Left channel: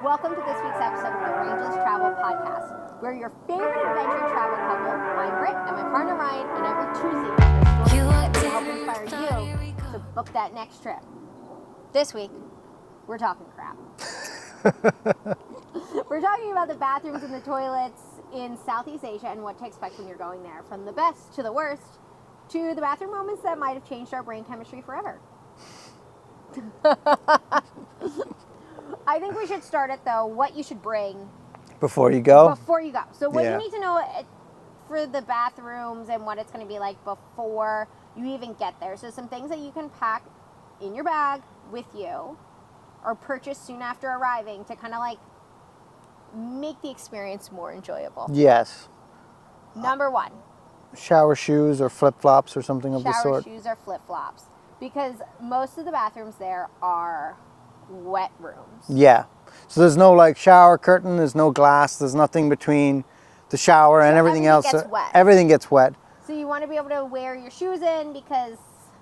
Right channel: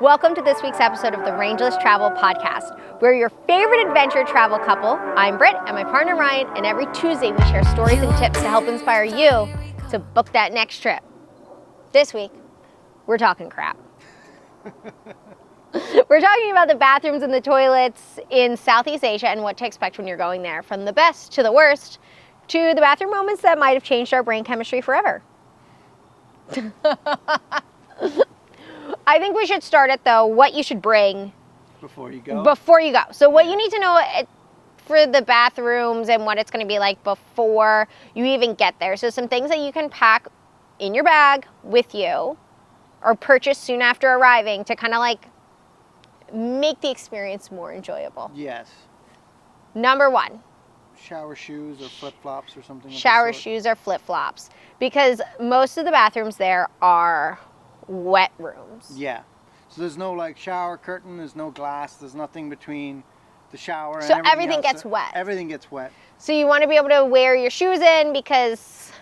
Welcome to this week's episode of the Rangeless Travel Podcast. We're your favorite adventure travel couple. I'm Britt and my partner Ryan, and every Tuesday we share stories and tips to help inspire you to book that next trip. This week, we're talking crap. We're talking about the bathrooms and the toilets in Southeast Asia and what to expect when you're going there, from the best to the worst, to the bathroom moments that might have changed our brain chemistry forever. I think we should start it though, what you should bring before you go. So what you need to know for the bathrooms and what it's going to be like before you even get there. So some things that you can pack in your bag with you or purchase soon after arriving to kind of like make the experience more enjoyable. Yes. Number one. Shower shoes or flip-flops or something of the sort. Shower shoes or flip-flops. Because most of the bathrooms there are wet rooms. Yeah. So there's no like shower curtain, there's no glass, there's nothing between the shower and everything else. Everything gets wet. Everything gets wet. So you want to be able to wear your shoes in because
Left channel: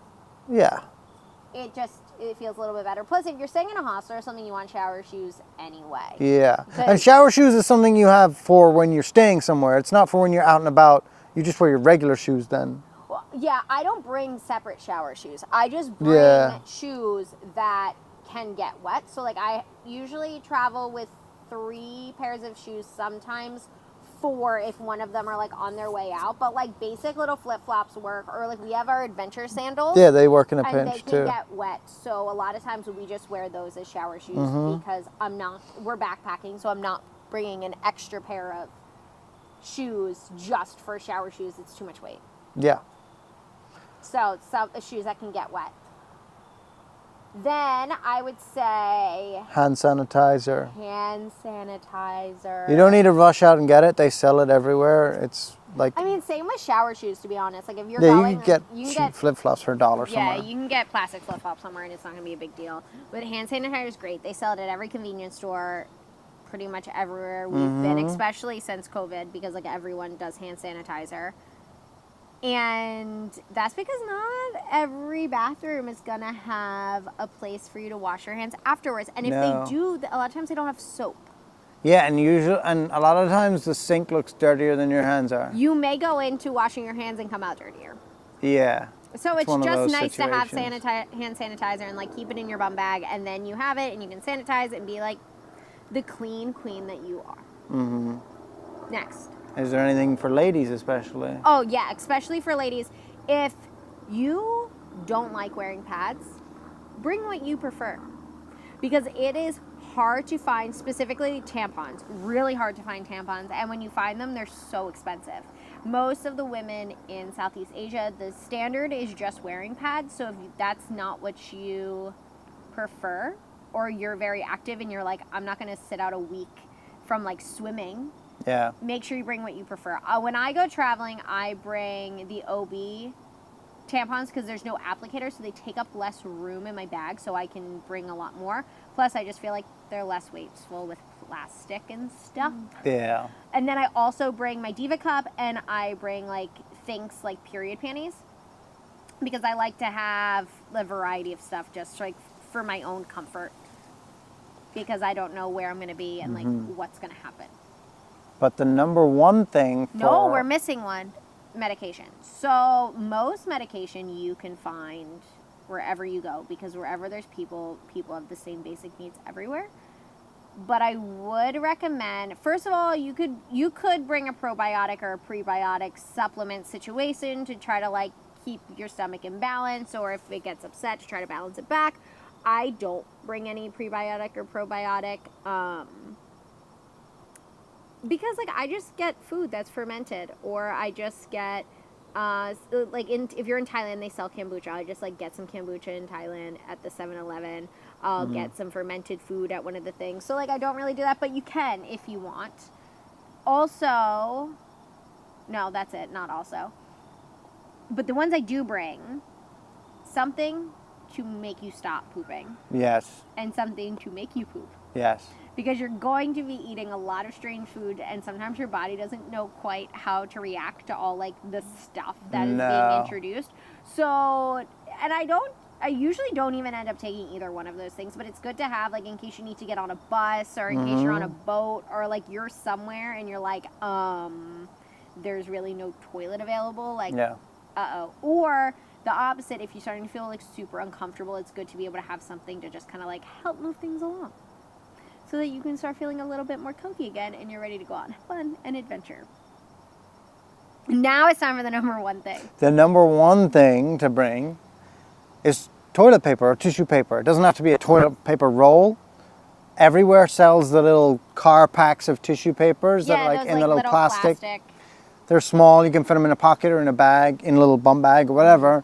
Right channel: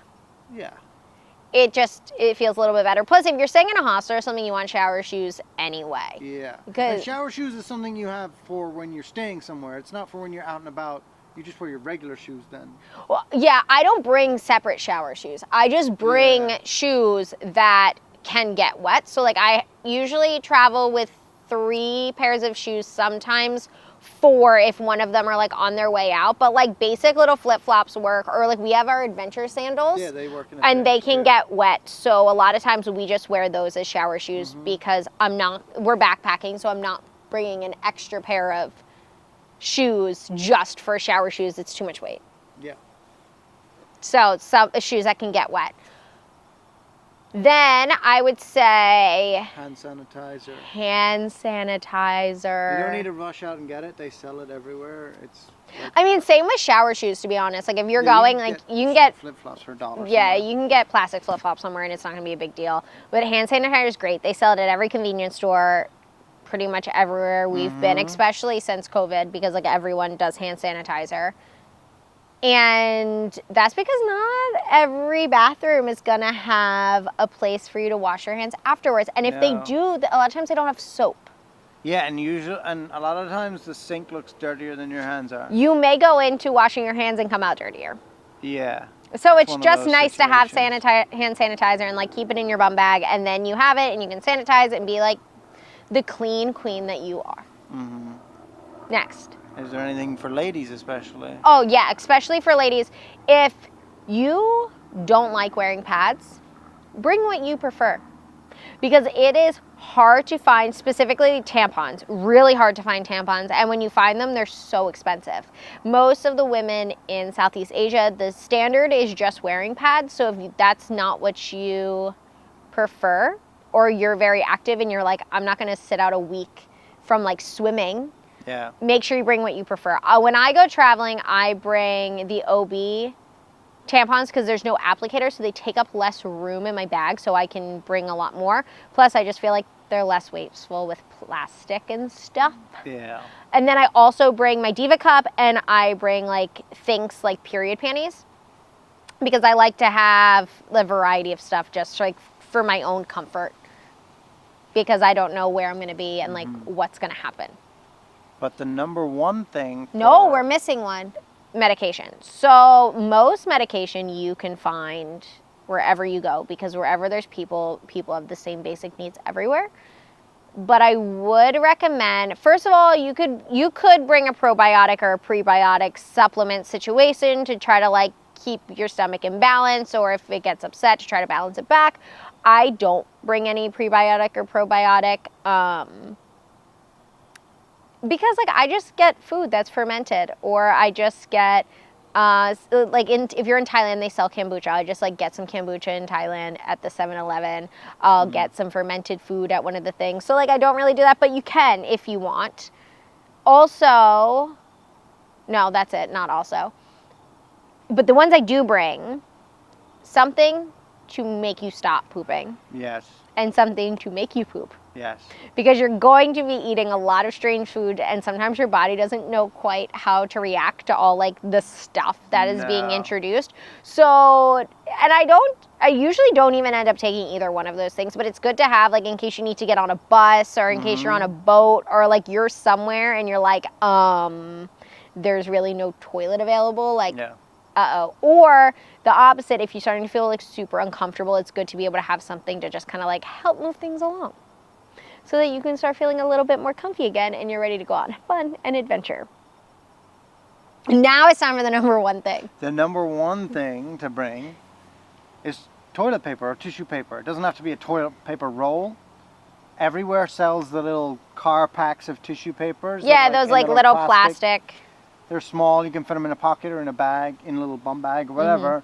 it feels a little bit better. Plus, if you're staying in a hostel or something, you want shower shoes anyway. Yeah. And shower shoes is something you have for when you're staying somewhere. It's not for when you're out and about. You just wear your regular shoes then. Well, yeah, I don't bring separate shower shoes. I just bring shoes that can get wet. So like I usually travel with 3 pairs of shoes, sometimes 4 if one of them are like on their way out. But like basic little flip-flops work, or like we have our adventure sandals. Yeah, they work in a pinch and they can too. get wet. So a lot of times we just wear those as shower shoes because we're backpacking, so I'm not bringing an extra pair of shoes just for shower shoes. It's too much weight. Yeah. So some shoes that can get wet. Then I would say hand sanitizer. You don't need to rush out and get it. They sell it everywhere. It's like, I mean, same with shower shoes, to be honest. Like if you're going, you can get flip-flops for $1 Yeah, somewhere. you can get plastic flip-flops somewhere and it's not going to be a big deal. But hand sanitizer is great. They sell it at every convenience store, pretty much everywhere we've been, especially since COVID, because like everyone does hand sanitizer. And that's because not every bathroom is going to have a place for you to wash your hands afterwards. And if they do, a lot of times they don't have soap. Yeah, and a lot of times the sink looks dirtier than your hands are. You may go into washing your hands and come out dirtier. Yeah. So it's just nice to have hand sanitizer and like keep it in your bum bag, and then you have it and you can sanitize it and be like the clean queen that you are. Mm-hmm. Next. Is there anything for ladies especially? Oh yeah, especially for ladies. If you don't like wearing pads, bring what you prefer. Because it is hard to find, specifically tampons, really hard to find tampons. And when you find them, they're so expensive. Most of the women in Southeast Asia, the standard is just wearing pads. So if that's not what you prefer, or you're very active and you're like, I'm not gonna sit out a week from like swimming, make sure you bring what you prefer. When I go traveling, I bring the OB tampons because there's no applicator, so they take up less room in my bag, so I can bring a lot more. Plus, I just feel like they're less wasteful with plastic and stuff. Yeah. And then I also bring my Diva cup, and I bring like things like period panties because I like to have a variety of stuff just like for my own comfort, because I don't know where I'm going to be and like what's going to happen. But the number one thing No, we're missing one. Medication. So most medication you can find wherever you go, because wherever there's people have the same basic needs everywhere. But I would recommend, first of all, you could bring a probiotic or a prebiotic supplement situation to try to like keep your stomach in balance, or if it gets upset, to try to balance it back. I don't bring any prebiotic or probiotic because like I just get food that's fermented, or I just get if you're in Thailand, they sell kombucha. I just like get some kombucha in Thailand at the 7-Eleven. I'll get some fermented food at one of the things. So like I don't really do that, but you can if you want. Also, no, that's it, not also. But the ones I do bring, something to make you stop pooping. Yes. And something to make you poop. Yes. Because you're going to be eating a lot of strange food, and sometimes your body doesn't know quite how to react to all like the stuff that is being introduced. So, and I usually don't even end up taking either one of those things, but it's good to have, like, in case you need to get on a bus or in case you're on a boat or like you're somewhere and you're like, there's really no toilet available. Like, uh-oh. Or the opposite, if you're starting to feel like super uncomfortable, it's good to be able to have something to just kind of like help move things along, so that you can start feeling a little bit more comfy again and you're ready to go out and have fun and adventure. Now it's time for the number one thing. The number one thing to bring is toilet paper or tissue paper. It doesn't have to be a toilet paper roll. Everywhere sells the little car packs of tissue papers. Yeah, those like little plastic. They're small. You can fit them in a pocket or in a bag, in a little bum bag or whatever.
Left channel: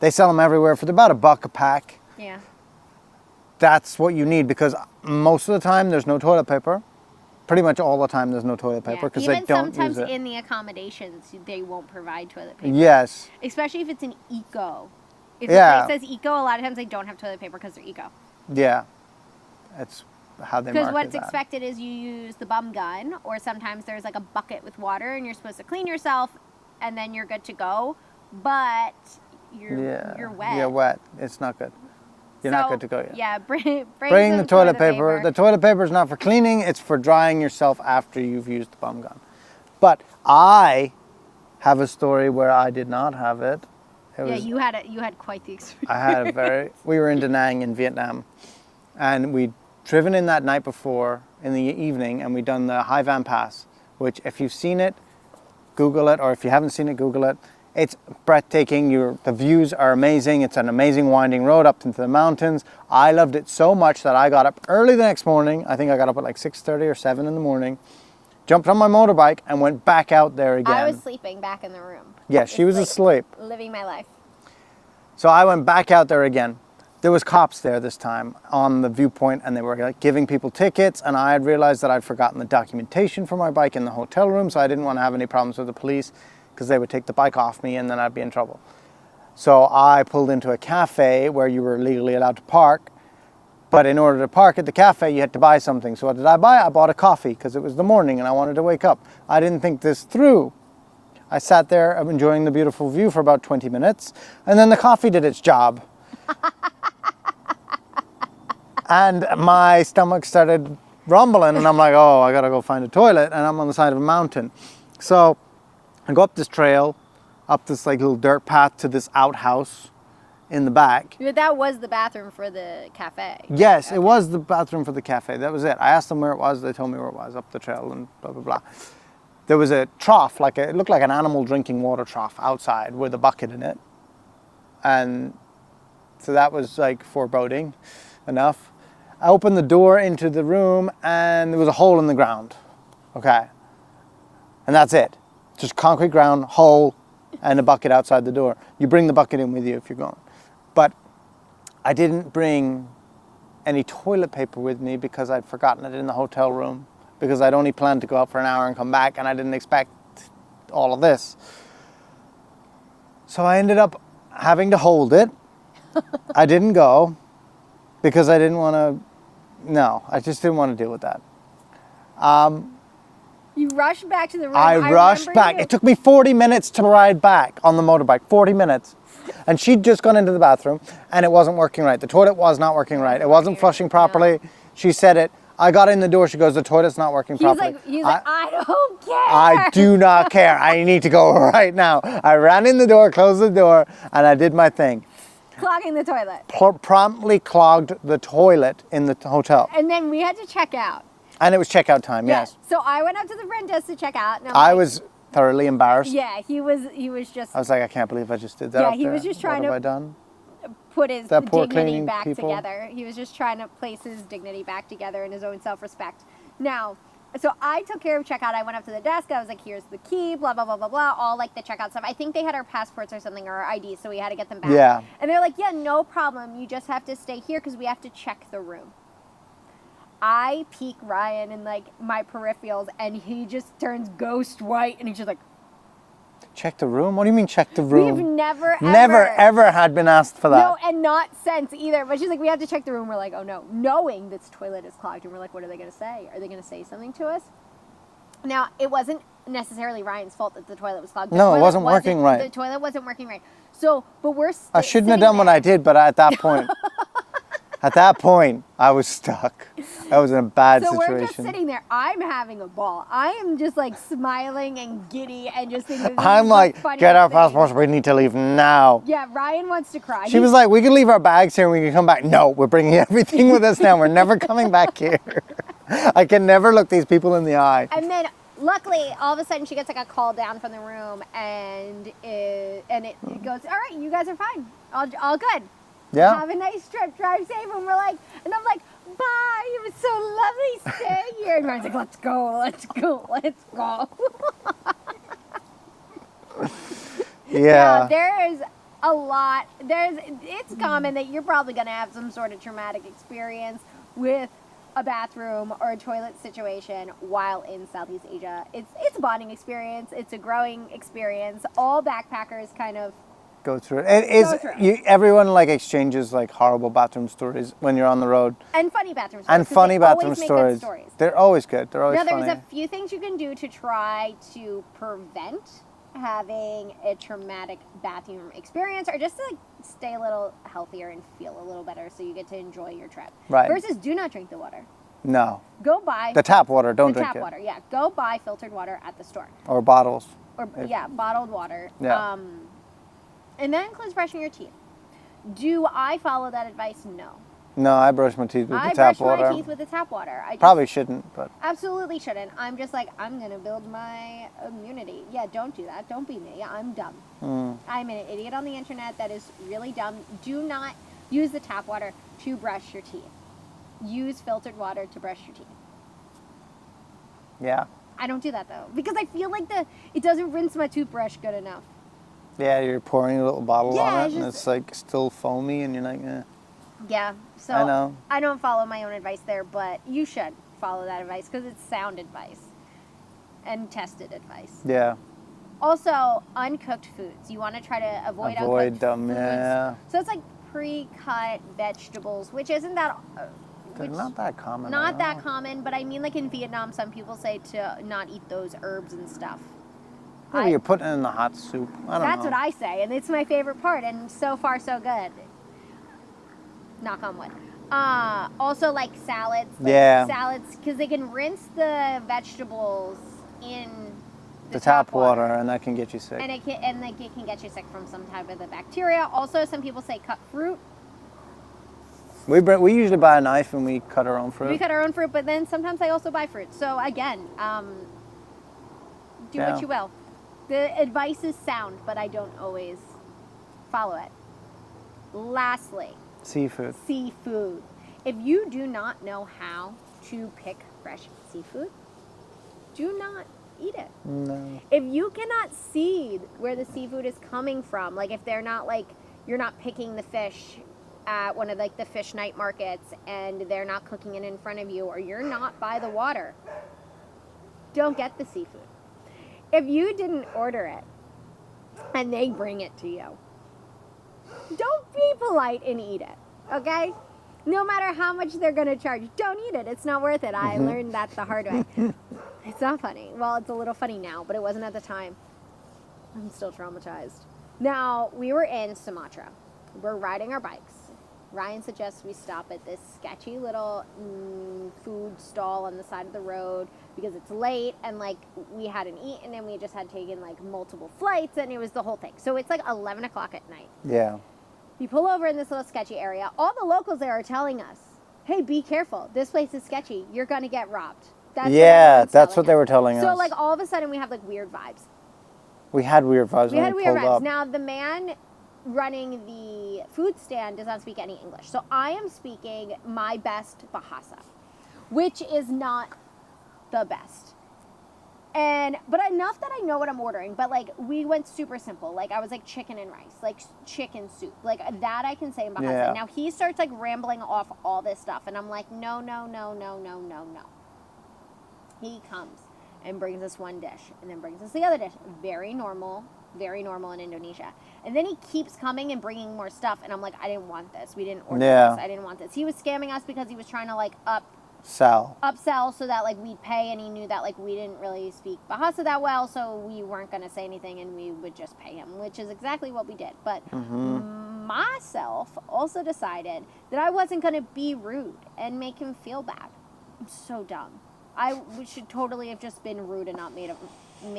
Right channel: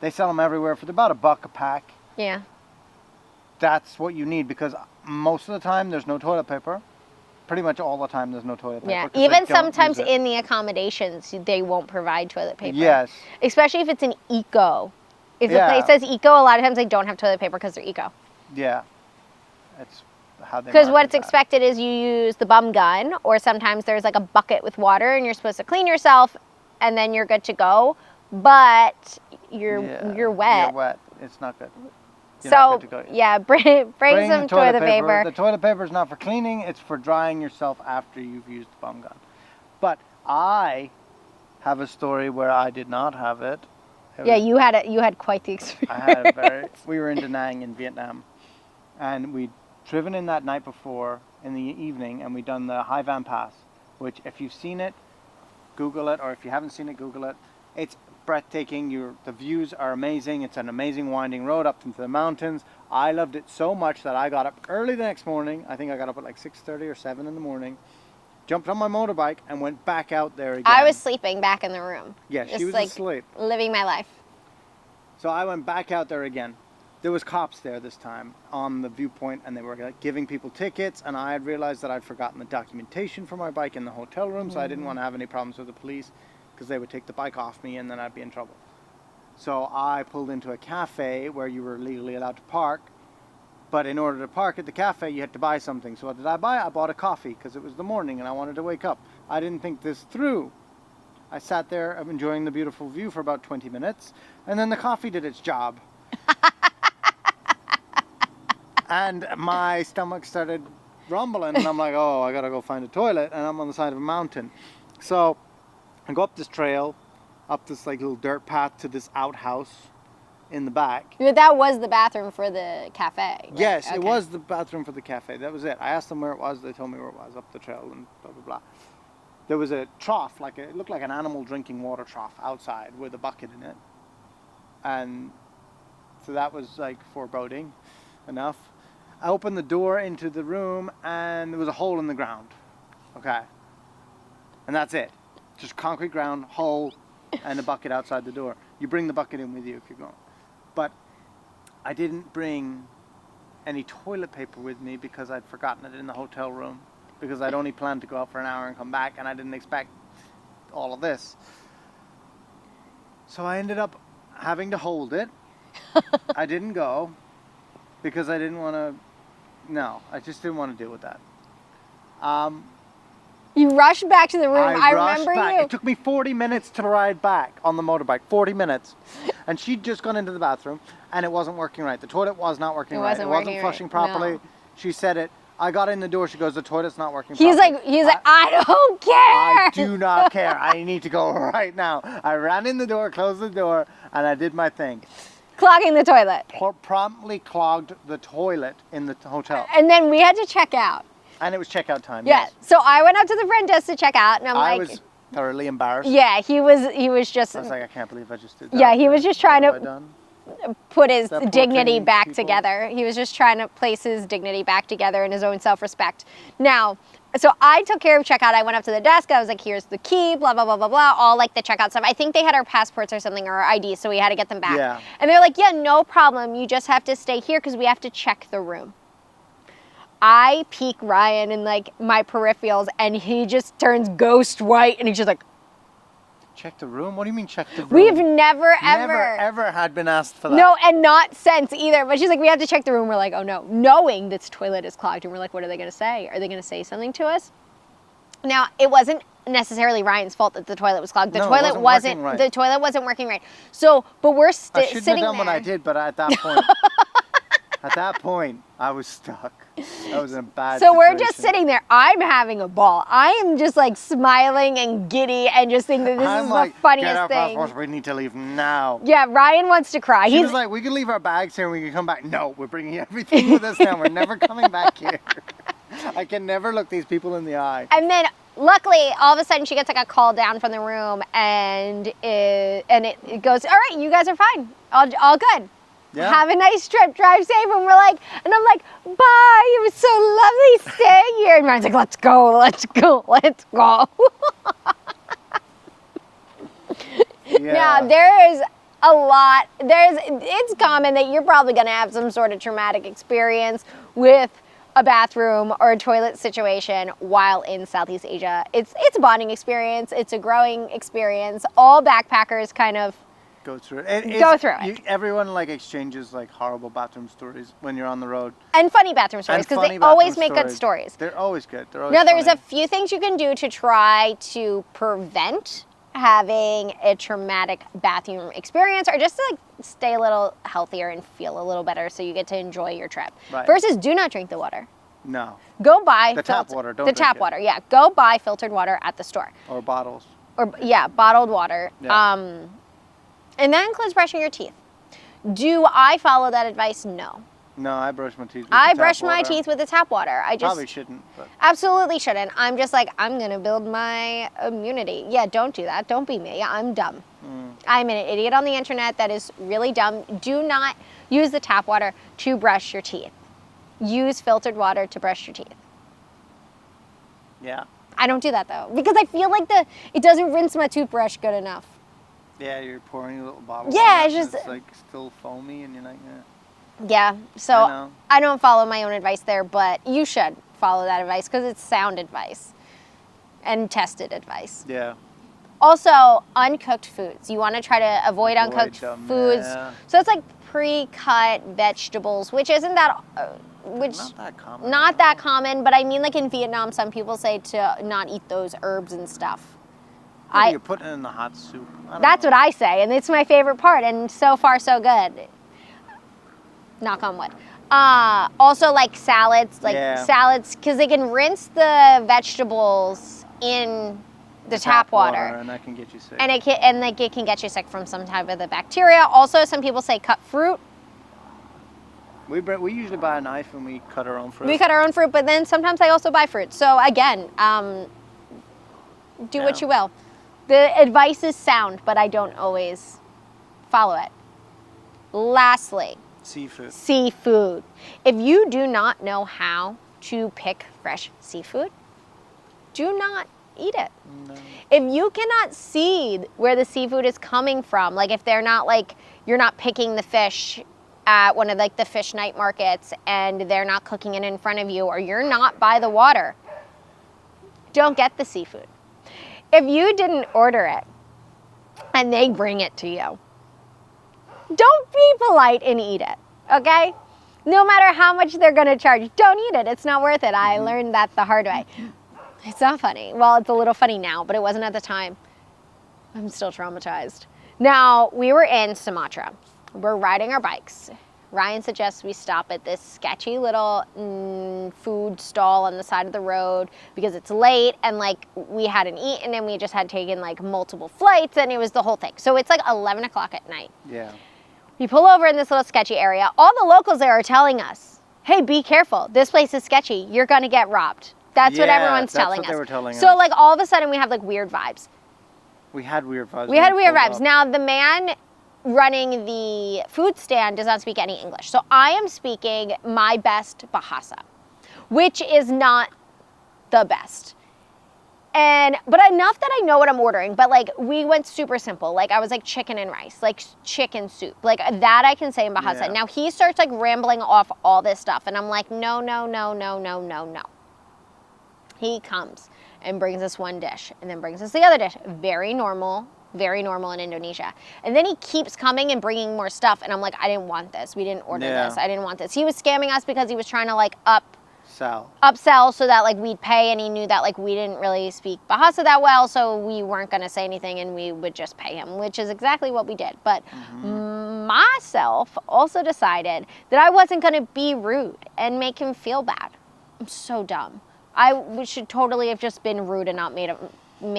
They sell them everywhere for about $1 a pack. Yeah. That's what you need, because most of the time there's no toilet paper. Pretty much all the time there's no toilet paper. Yeah, even sometimes in the accommodations they won't provide toilet paper. Yes. Especially if it's an eco. If the place says eco, a lot of times they don't have toilet paper because they're eco. Yeah. It's how they Because what's expected is you use the bum gun, or sometimes there's like a bucket with water and you're supposed to clean yourself and then you're good to go. But you're wet. You're wet. It's not good. You're so, not good to go yet. Yeah, bring some the toilet paper. The toilet paper is not for cleaning, it's for drying yourself after you've used the bum gun. But I have a story where I did not have it. You had quite the experience. I had we were in Da Nang in Vietnam, and we'd driven in that night before in the evening, and we'd done the Hai Van Pass, which if you've seen it, Google it, or if you haven't seen it, Google it. It's breathtaking. The views are amazing. It's an amazing winding road up into the mountains. I loved it so much that I got up early the next morning. I think I got up at like 6:30 or 7 in the morning, jumped on my motorbike and went back out there again. I was sleeping back in the room. Yeah, she was asleep. Living my life. So I went back out there again. There was cops there this time on the viewpoint, and they were like giving people tickets, and I had realized that I'd forgotten the documentation for my bike in the hotel room, so I didn't want to have any problems with the police, because they would take the bike off me and then I'd be in trouble. So I pulled into a cafe where you were legally allowed to park, but in order to park at the cafe you had to buy something. So what did I buy? I bought a coffee because it was the morning and I wanted to wake up. I didn't think this through. I sat there enjoying the beautiful view for about 20 minutes, and then the coffee did its job. And my stomach started rumbling, and I'm like, oh, I gotta go find a toilet, and I'm on the side of a mountain. So I go up this trail, up this like little dirt path to this outhouse in the back. But that was the bathroom for the cafe. Yes, okay. It was the bathroom for the cafe. That was it. I asked them where it was. They told me where it was, up the trail and blah, blah, blah. There was a trough, it looked like an animal drinking water trough outside with a bucket in it. And so that was like foreboding enough. I opened the door into the room and there was a hole in the ground. Okay. And that's it. Just concrete ground, hole, and a bucket outside the door. You bring the bucket in with you if you're going. But I didn't bring any toilet paper with me because I'd forgotten it in the hotel room, because I'd only planned to go out for an hour and come back, and I didn't expect all of this. So I ended up having to hold it. I didn't go because I didn't want to, I just didn't want to deal with that. You rushed back to the room. I rushed back. It took me 40 minutes to ride back on the motorbike. 40 minutes. And she'd just gone into the bathroom and it wasn't working right. The toilet was not working right. It wasn't flushing properly. No. She said it. I got in the door. She goes, the toilet's not working properly. He's like, I don't care. I do not care. I need to go right now. I ran in the door, closed the door, and I did my thing. Clogging the toilet. Promptly clogged the toilet in the hotel. And then we had to check out. And it was checkout time, yes. So I went up to the front desk to check out, and I was thoroughly embarrassed. Yeah, he was just. I was like, I can't believe I just did that. Yeah, he was just trying to put his That dignity back together. He was just trying to place his dignity back together and his own self-respect. Now, so I took care of checkout. I went up to the desk. I was like, here's the key, blah, blah, blah, blah, blah, all like the checkout stuff. I think they had our passports or something, or our IDs, so we had to get them back. Yeah. And they were like, yeah, no problem. You just have to stay here because we have to check the room. I peek Ryan in like my peripherals, and he just turns ghost white, and he's just like, Check the room? What do you mean check the room? We've never ever had been asked for that. No, and not since either. But she's like, we have to check the room. We're like, oh no, knowing this toilet is clogged. And we're like, what are they going to say? Are they going to say something to us? Now, it wasn't necessarily Ryan's fault that the toilet was clogged. The toilet it wasn't working right. The toilet wasn't working right. So, but we're I shouldn't have done what I did, but at that point, I was stuck. I was in a bad situation. So we're just sitting there. I'm having a ball. I am just like smiling and giddy and just thinking this I'm is like, the funniest get our thing. passports. We need to leave now. Yeah, Ryan wants to cry. She was like, we can leave our bags here and we can come back. No, we're bringing everything with us now. We're never coming back here. I can never look these people in the eye. And then luckily, all of a sudden, she gets like a call down from the room, and it goes, all right, you guys are fine, all good. Yeah. Have a nice trip, drive safe. And we're like, and I'm like, bye. It was so lovely staying here. And Ryan's like, let's go. Yeah. There is a lot. It's common that you're probably going to have some sort of traumatic experience with a bathroom or a toilet situation while in Southeast Asia. It's a bonding experience. It's a growing experience. All backpackers kind of go through it. Everyone like exchanges like horrible bathroom stories when you're on the road. And funny bathroom stories, because they always make good stories. They're always good. They're always Now, there's funny. a few things you can do to try to prevent having a traumatic bathroom experience, or just to like stay a little healthier and feel a little better so you get to enjoy your trip. Right. Versus do not drink the water. No. Go buy the tap water. Don't drink tap it. water. Yeah, go buy filtered water at the store. Or bottles. Or bottled water. Yeah. And that includes brushing your teeth. Do I follow that advice? No. No, I brush my teeth with the tap water. I brush my teeth with the tap water. I just probably shouldn't, but absolutely shouldn't. I'm just like, I'm gonna build my immunity. Yeah, don't do that. Don't be me. I'm dumb. I'm an idiot on the internet that is really dumb. Do not use the tap water to brush your teeth. Use filtered water to brush your teeth. Yeah. I don't do that though, because I feel like it doesn't rinse my toothbrush good enough. Yeah, you're pouring a little bottle Yeah, on it's it, and just- it's like still foamy, and you're like, eh. Yeah, so I don't follow my own advice there, but you should follow that advice because it's sound advice and tested advice. Yeah. Also, uncooked foods. You want to try to avoid uncooked them, foods. yeah. So it's like pre-cut vegetables, which isn't that... Not that common. Not that common, but I mean like in Vietnam, some people say to not eat those herbs and stuff. Maybe you're putting it in the hot soup. That's what I say, and it's my favorite part, and so far so good. Knock on wood. Also like salads, because they can rinse the vegetables in the tap water, and that can get you sick. and it can get you sick from some type of the bacteria. Also, some people say cut fruit. We usually buy a knife and we cut our own fruit. We cut our own fruit, but then sometimes I also buy fruit. So again, do what you will. The advice is sound, but I don't always follow it. Lastly, seafood. If you do not know how to pick fresh seafood, do not eat it. No. If you cannot see where the seafood is coming from, like if they're not like, you're not picking the fish at one of like the fish night markets and they're not cooking it in front of you, or you're not by the water, don't get the seafood. If you didn't order it and they bring it to you, don't be polite and eat it, okay? No matter how much they're gonna charge, don't eat it. It's not worth it. I learned that the hard way. It's not funny. Well, it's a little funny now, but it wasn't at the time. I'm still traumatized. Now, we were in Sumatra. We're riding our bikes. Ryan suggests we stop at this sketchy little food stall on the side of the road because it's late and like we hadn't eaten and we just had taken like multiple flights and it was the whole thing. So it's like 11 o'clock at night. Yeah. We pull over in this little sketchy area. All the locals there are telling us, hey, be careful. This place is sketchy. You're going to get robbed. That's what everyone's telling us. That's what they were telling us. So like all of a sudden we have like weird vibes. We had weird vibes. We had weird vibes. Now the man running the food stand does not speak any English. So I am speaking my best Bahasa, which is not the best. But enough that I know what I'm ordering, but like we went super simple. Like I was like chicken and rice, like chicken soup, like that I can say in Bahasa. Yeah. Now he starts like rambling off all this stuff and I'm like, no. He comes and brings us one dish and then brings us the other dish. Very normal, very normal in Indonesia. And then he keeps coming and bringing more stuff, and I'm like, I didn't want this. We didn't order this. I didn't want this. He was scamming us because he was trying to like upsell so that like we'd pay, and he knew that like we didn't really speak Bahasa that well, so we weren't going to say anything and we would just pay him, which is exactly what we did. But myself also decided that I wasn't going to be rude and make him feel bad. I'm so dumb. We should totally have just been rude and not made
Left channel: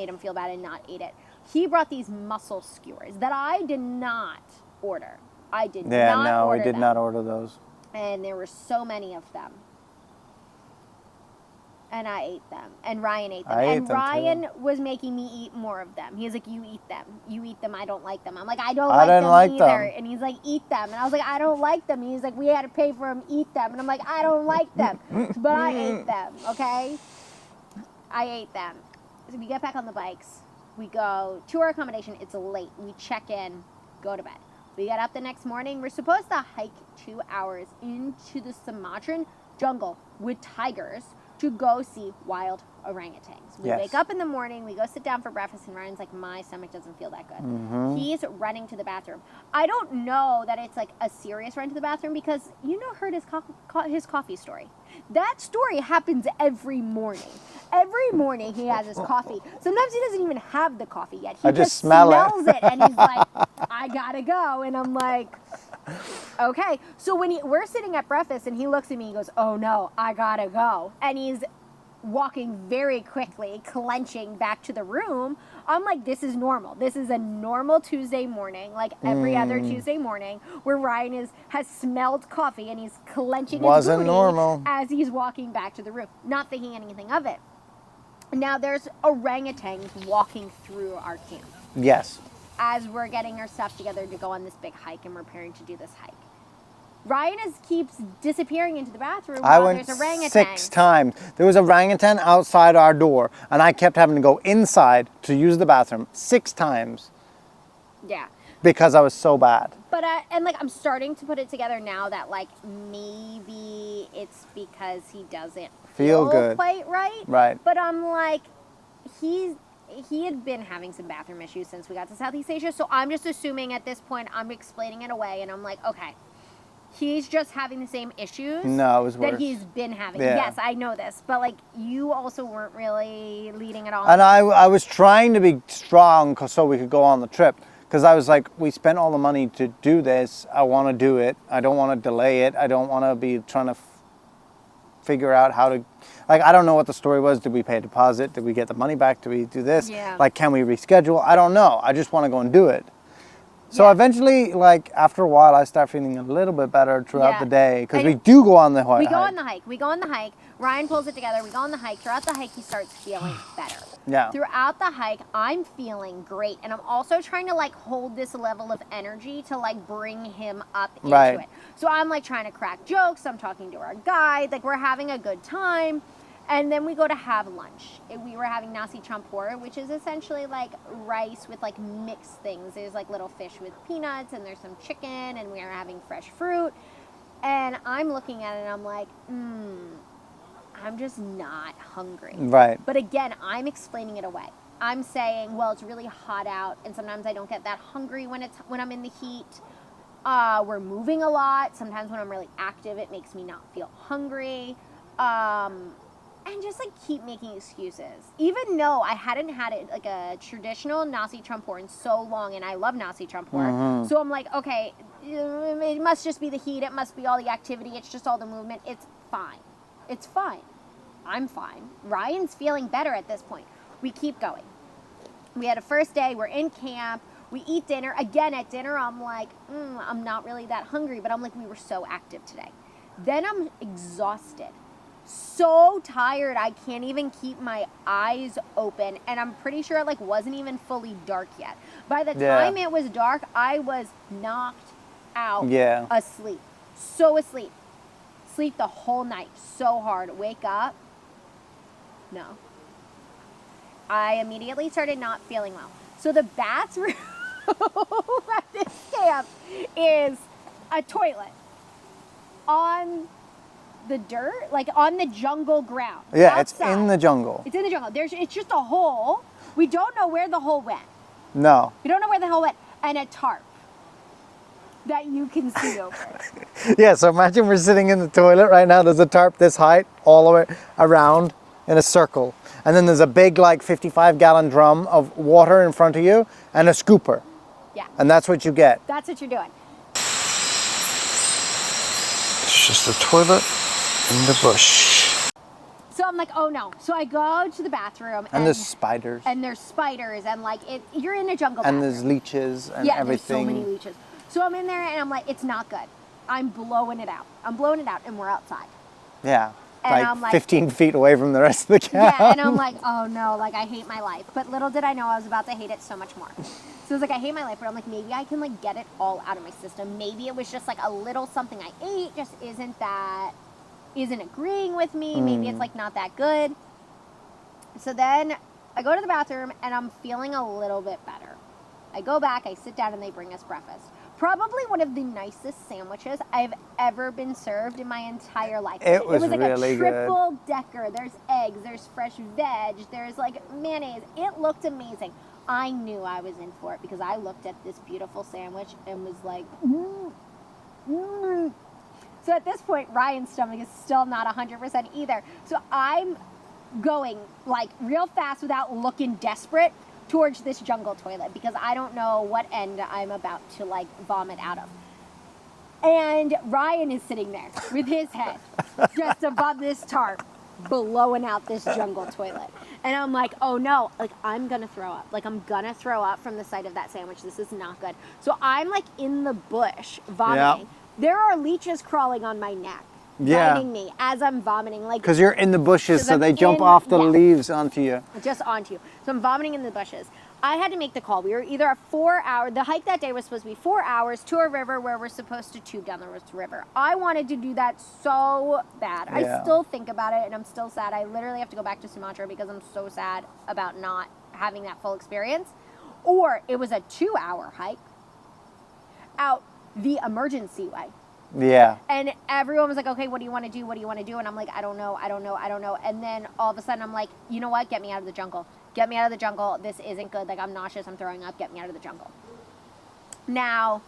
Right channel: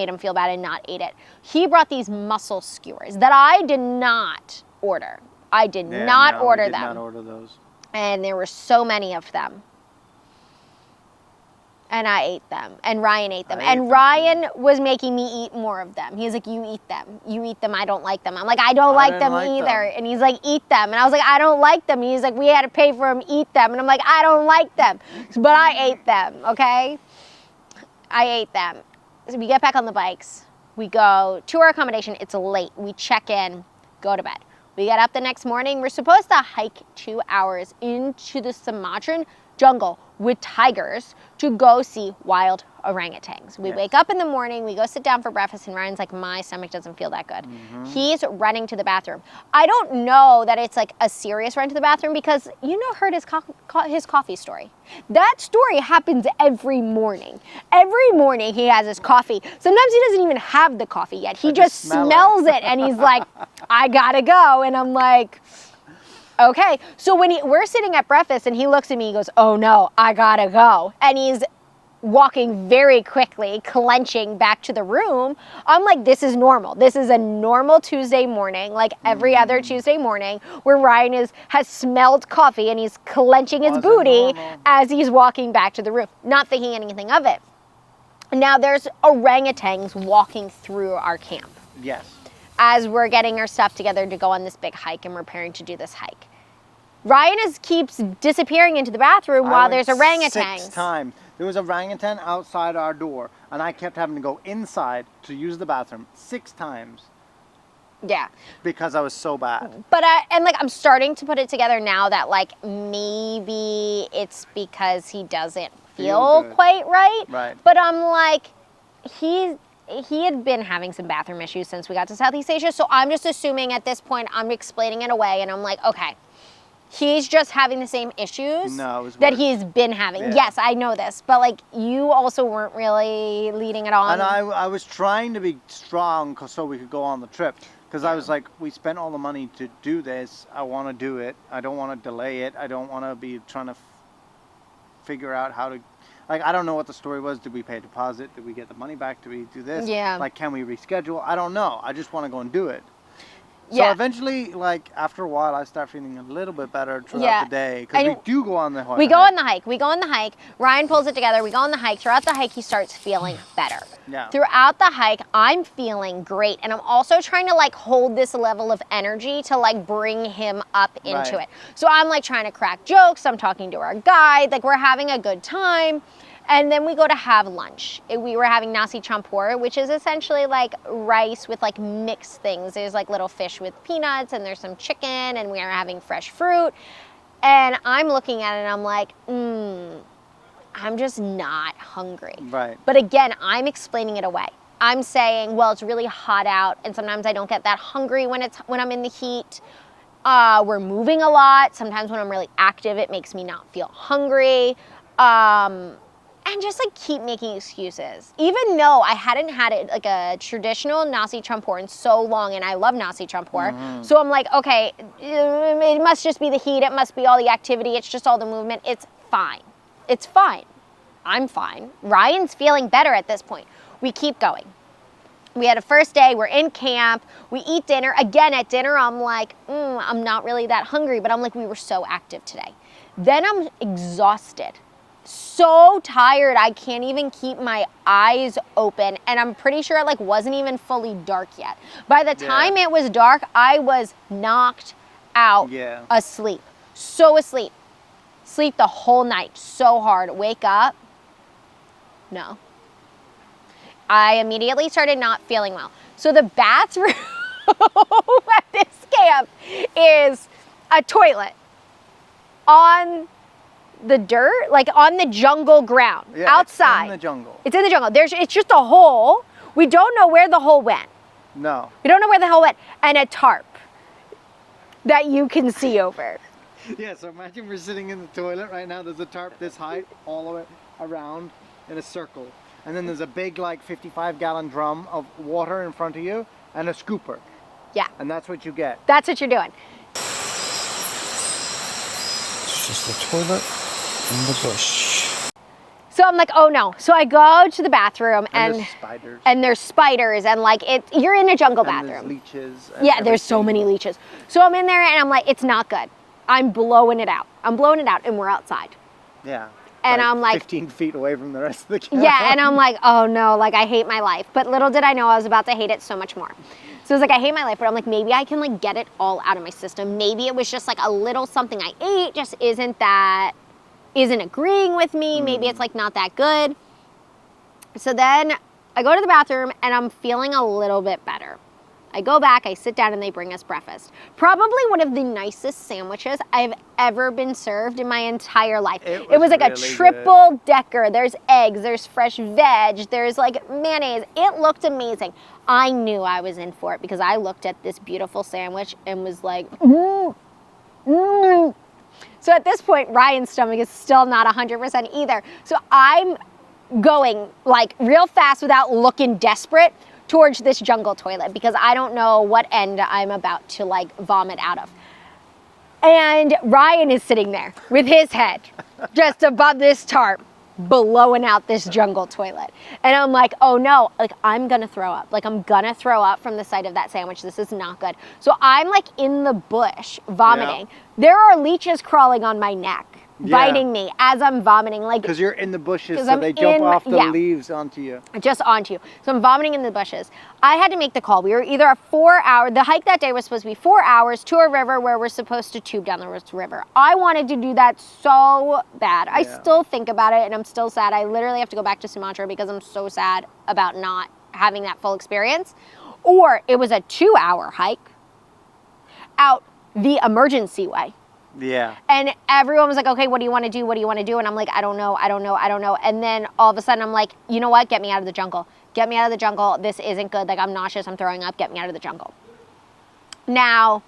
him feel bad and not ate it. He brought these mussel skewers that I did not order. I did not order them. We did not order those. And there were so many of them. And I ate them. And Ryan ate them. And Ryan was making me eat more of them. He's like, you eat them. You eat them. I don't like them. I'm like, I don't like them either. And he's like, eat them. And I was like, I don't like them. And he's like, we had to pay for them. Eat them. And I'm like, I don't like them. But I ate them, okay? I ate them. So we get back on the bikes. We go to our accommodation. It's late. We check in, go to bed. We get up the next morning. We're supposed to hike 2 hours into the Sumatran jungle with tigers to go see wild orangutans. We wake up in the morning, we go sit down for breakfast, and Ryan's like, my stomach doesn't feel that good. He's running to the bathroom. I don't know that it's like a serious run to the bathroom because heard his coffee story. That story happens every morning. Every morning he has his coffee. Sometimes he doesn't even have the coffee yet. He just smells it and he's like, I gotta go. And I'm like, okay. So when we're sitting at breakfast and he looks at me, he goes, oh no, I gotta go. And he's walking very quickly, clenching back to the room. I'm like, this is normal. This is a normal Tuesday morning, like every other Tuesday morning, where Ryan has smelled coffee and he's clenching his booty as he's walking back to the room, not thinking anything of it. Now there's orangutans walking through our camp. Yes. As we're getting our stuff together to go on this big hike and we're preparing to do this hike. Ryan keeps disappearing into the bathroom while there's orangutans. 6 times. There was an orangutan outside our door, and I kept having to go inside to use the bathroom 6 times. Yeah. Because I was so bad. But I'm starting to put it together now that like maybe it's because he doesn't feel quite right. Right. But I'm like, he had been having some bathroom issues since we got to Southeast Asia, so I'm just assuming at this point I'm explaining it away, and I'm like, okay. He's just having the same issues that he's been having. Yeah. Yes, I know this. But, like, you also weren't really leading it on. And I was trying to be strong so we could go on the trip. Because I was like, we spent all the money to do this. I want to do it. I don't want to delay it. I don't want to be trying to figure out how to... Like, I don't know what the story was. Did we pay a deposit? Did we get the money back? Did we do this? Yeah. Like, can we reschedule? I don't know. I just want to go and do it. So eventually, like, after a while, I start feeling a little bit better throughout the day. Because we do go on the hike. We go on the hike. Ryan pulls it together. We go on the hike. Throughout the hike, he starts feeling better. Yeah. Throughout the hike, I'm feeling great. And I'm also trying to, like, hold this level of energy to, like, bring him up into it. So I'm, like, trying to crack jokes. I'm talking to our guide. Like, we're having a good time. And then we go to have lunch. We were having nasi campur, which is essentially like rice with like mixed things. There's like little fish with peanuts and there's some chicken and we are having fresh fruit. And I'm looking at it and I'm like, I'm just not hungry. Right. But again, I'm explaining it away. I'm saying, well, it's really hot out and sometimes I don't get that hungry when I'm in the heat. We're moving a lot. Sometimes when I'm really active, it makes me not feel hungry. And just like keep making excuses. Even though I hadn't had it like a traditional nasi campur in so long, and I love nasi campur. So I'm like, okay, it must just be the heat. It must be all the activity. It's just all the movement. It's fine. It's fine. I'm fine. Ryan's feeling better at this point. We keep going. We had a first day. We're in camp. We eat dinner. Again, at dinner, I'm like, I'm not really that hungry. But I'm like, we were so active today. Then I'm exhausted. So tired I can't even keep my eyes open, and I'm pretty sure it like wasn't even fully dark yet. By the time it was dark, I was knocked out asleep. So asleep. Sleep the whole night so hard. Wake up. No. I immediately started not feeling well. So the bathroom at this camp is a toilet on the dirt, like on the jungle ground, outside. It's in the jungle. It's in the jungle. It's just a hole. We don't know where the hole went. No. You don't know where the hell it went. And a tarp that you can see over. Yeah, so imagine we're sitting in the toilet right now. There's a tarp this height all the way around in a circle. And then there's a big, like, 55-gallon drum of water in front of you and a scooper. Yeah. And that's what you get. That's what you're doing. It's just a toilet in the bush. So I'm like, oh no. So I go to the bathroom And there's spiders. And there's spiders and like you're in a jungle and bathroom. there's leeches. And yeah, there's so everything. many leeches. So I'm in there and I'm like, it's not good. I'm blowing it out. And we're outside. Yeah. And I'm like 15 feet away from the rest of the camp. Yeah, and I'm like, oh no, like I hate my life. But little did I know I was about to hate it so much more. So I was like, I hate my life, but I'm like, maybe I can like get it all out of my system. Maybe it was just like a little something I ate just isn't agreeing with me. Maybe it's like not that good. So then I go to the bathroom and I'm feeling a little bit better. I go back, I sit down and they bring us breakfast. Probably one of the nicest sandwiches I've ever been served in my entire life. It was like really a triple decker. There's eggs, there's fresh veg, there's like mayonnaise. It looked amazing. I knew I was in for it because I looked at this beautiful sandwich and was like, So at this point, Ryan's stomach is still not 100% either. So I'm going like real fast without looking desperate towards this jungle toilet because I don't know what end I'm about to like vomit out of. And Ryan is sitting there with his head just above this tarp, blowing out this jungle toilet. And I'm like, oh no, like I'm gonna throw up. Like I'm gonna throw up from the sight of that sandwich. This is not good. So I'm like in the bush vomiting. Yeah. There are leeches crawling on my neck, biting me as I'm vomiting. Like because you're in the bushes, so I'm they jump off the leaves onto you. Just onto you. So I'm vomiting in the bushes. I had to make the call. We were either a 4-hour, the hike that day was supposed to be 4 hours to a river where we're supposed to tube down the river. I wanted to do that so bad. Yeah. I still think about it and I'm still sad. I literally have to go back to Sumatra because I'm so sad about not having that full experience. Or it was a 2-hour hike out the emergency way. Yeah. And everyone was like, okay, what do you want to do? What do you want to do? And I'm like, I don't know. And then all of a sudden I'm like, you know what? Get me out of the jungle. Get me out of the jungle. This isn't good. Like I'm nauseous. I'm throwing up. Get me out of the jungle. Now,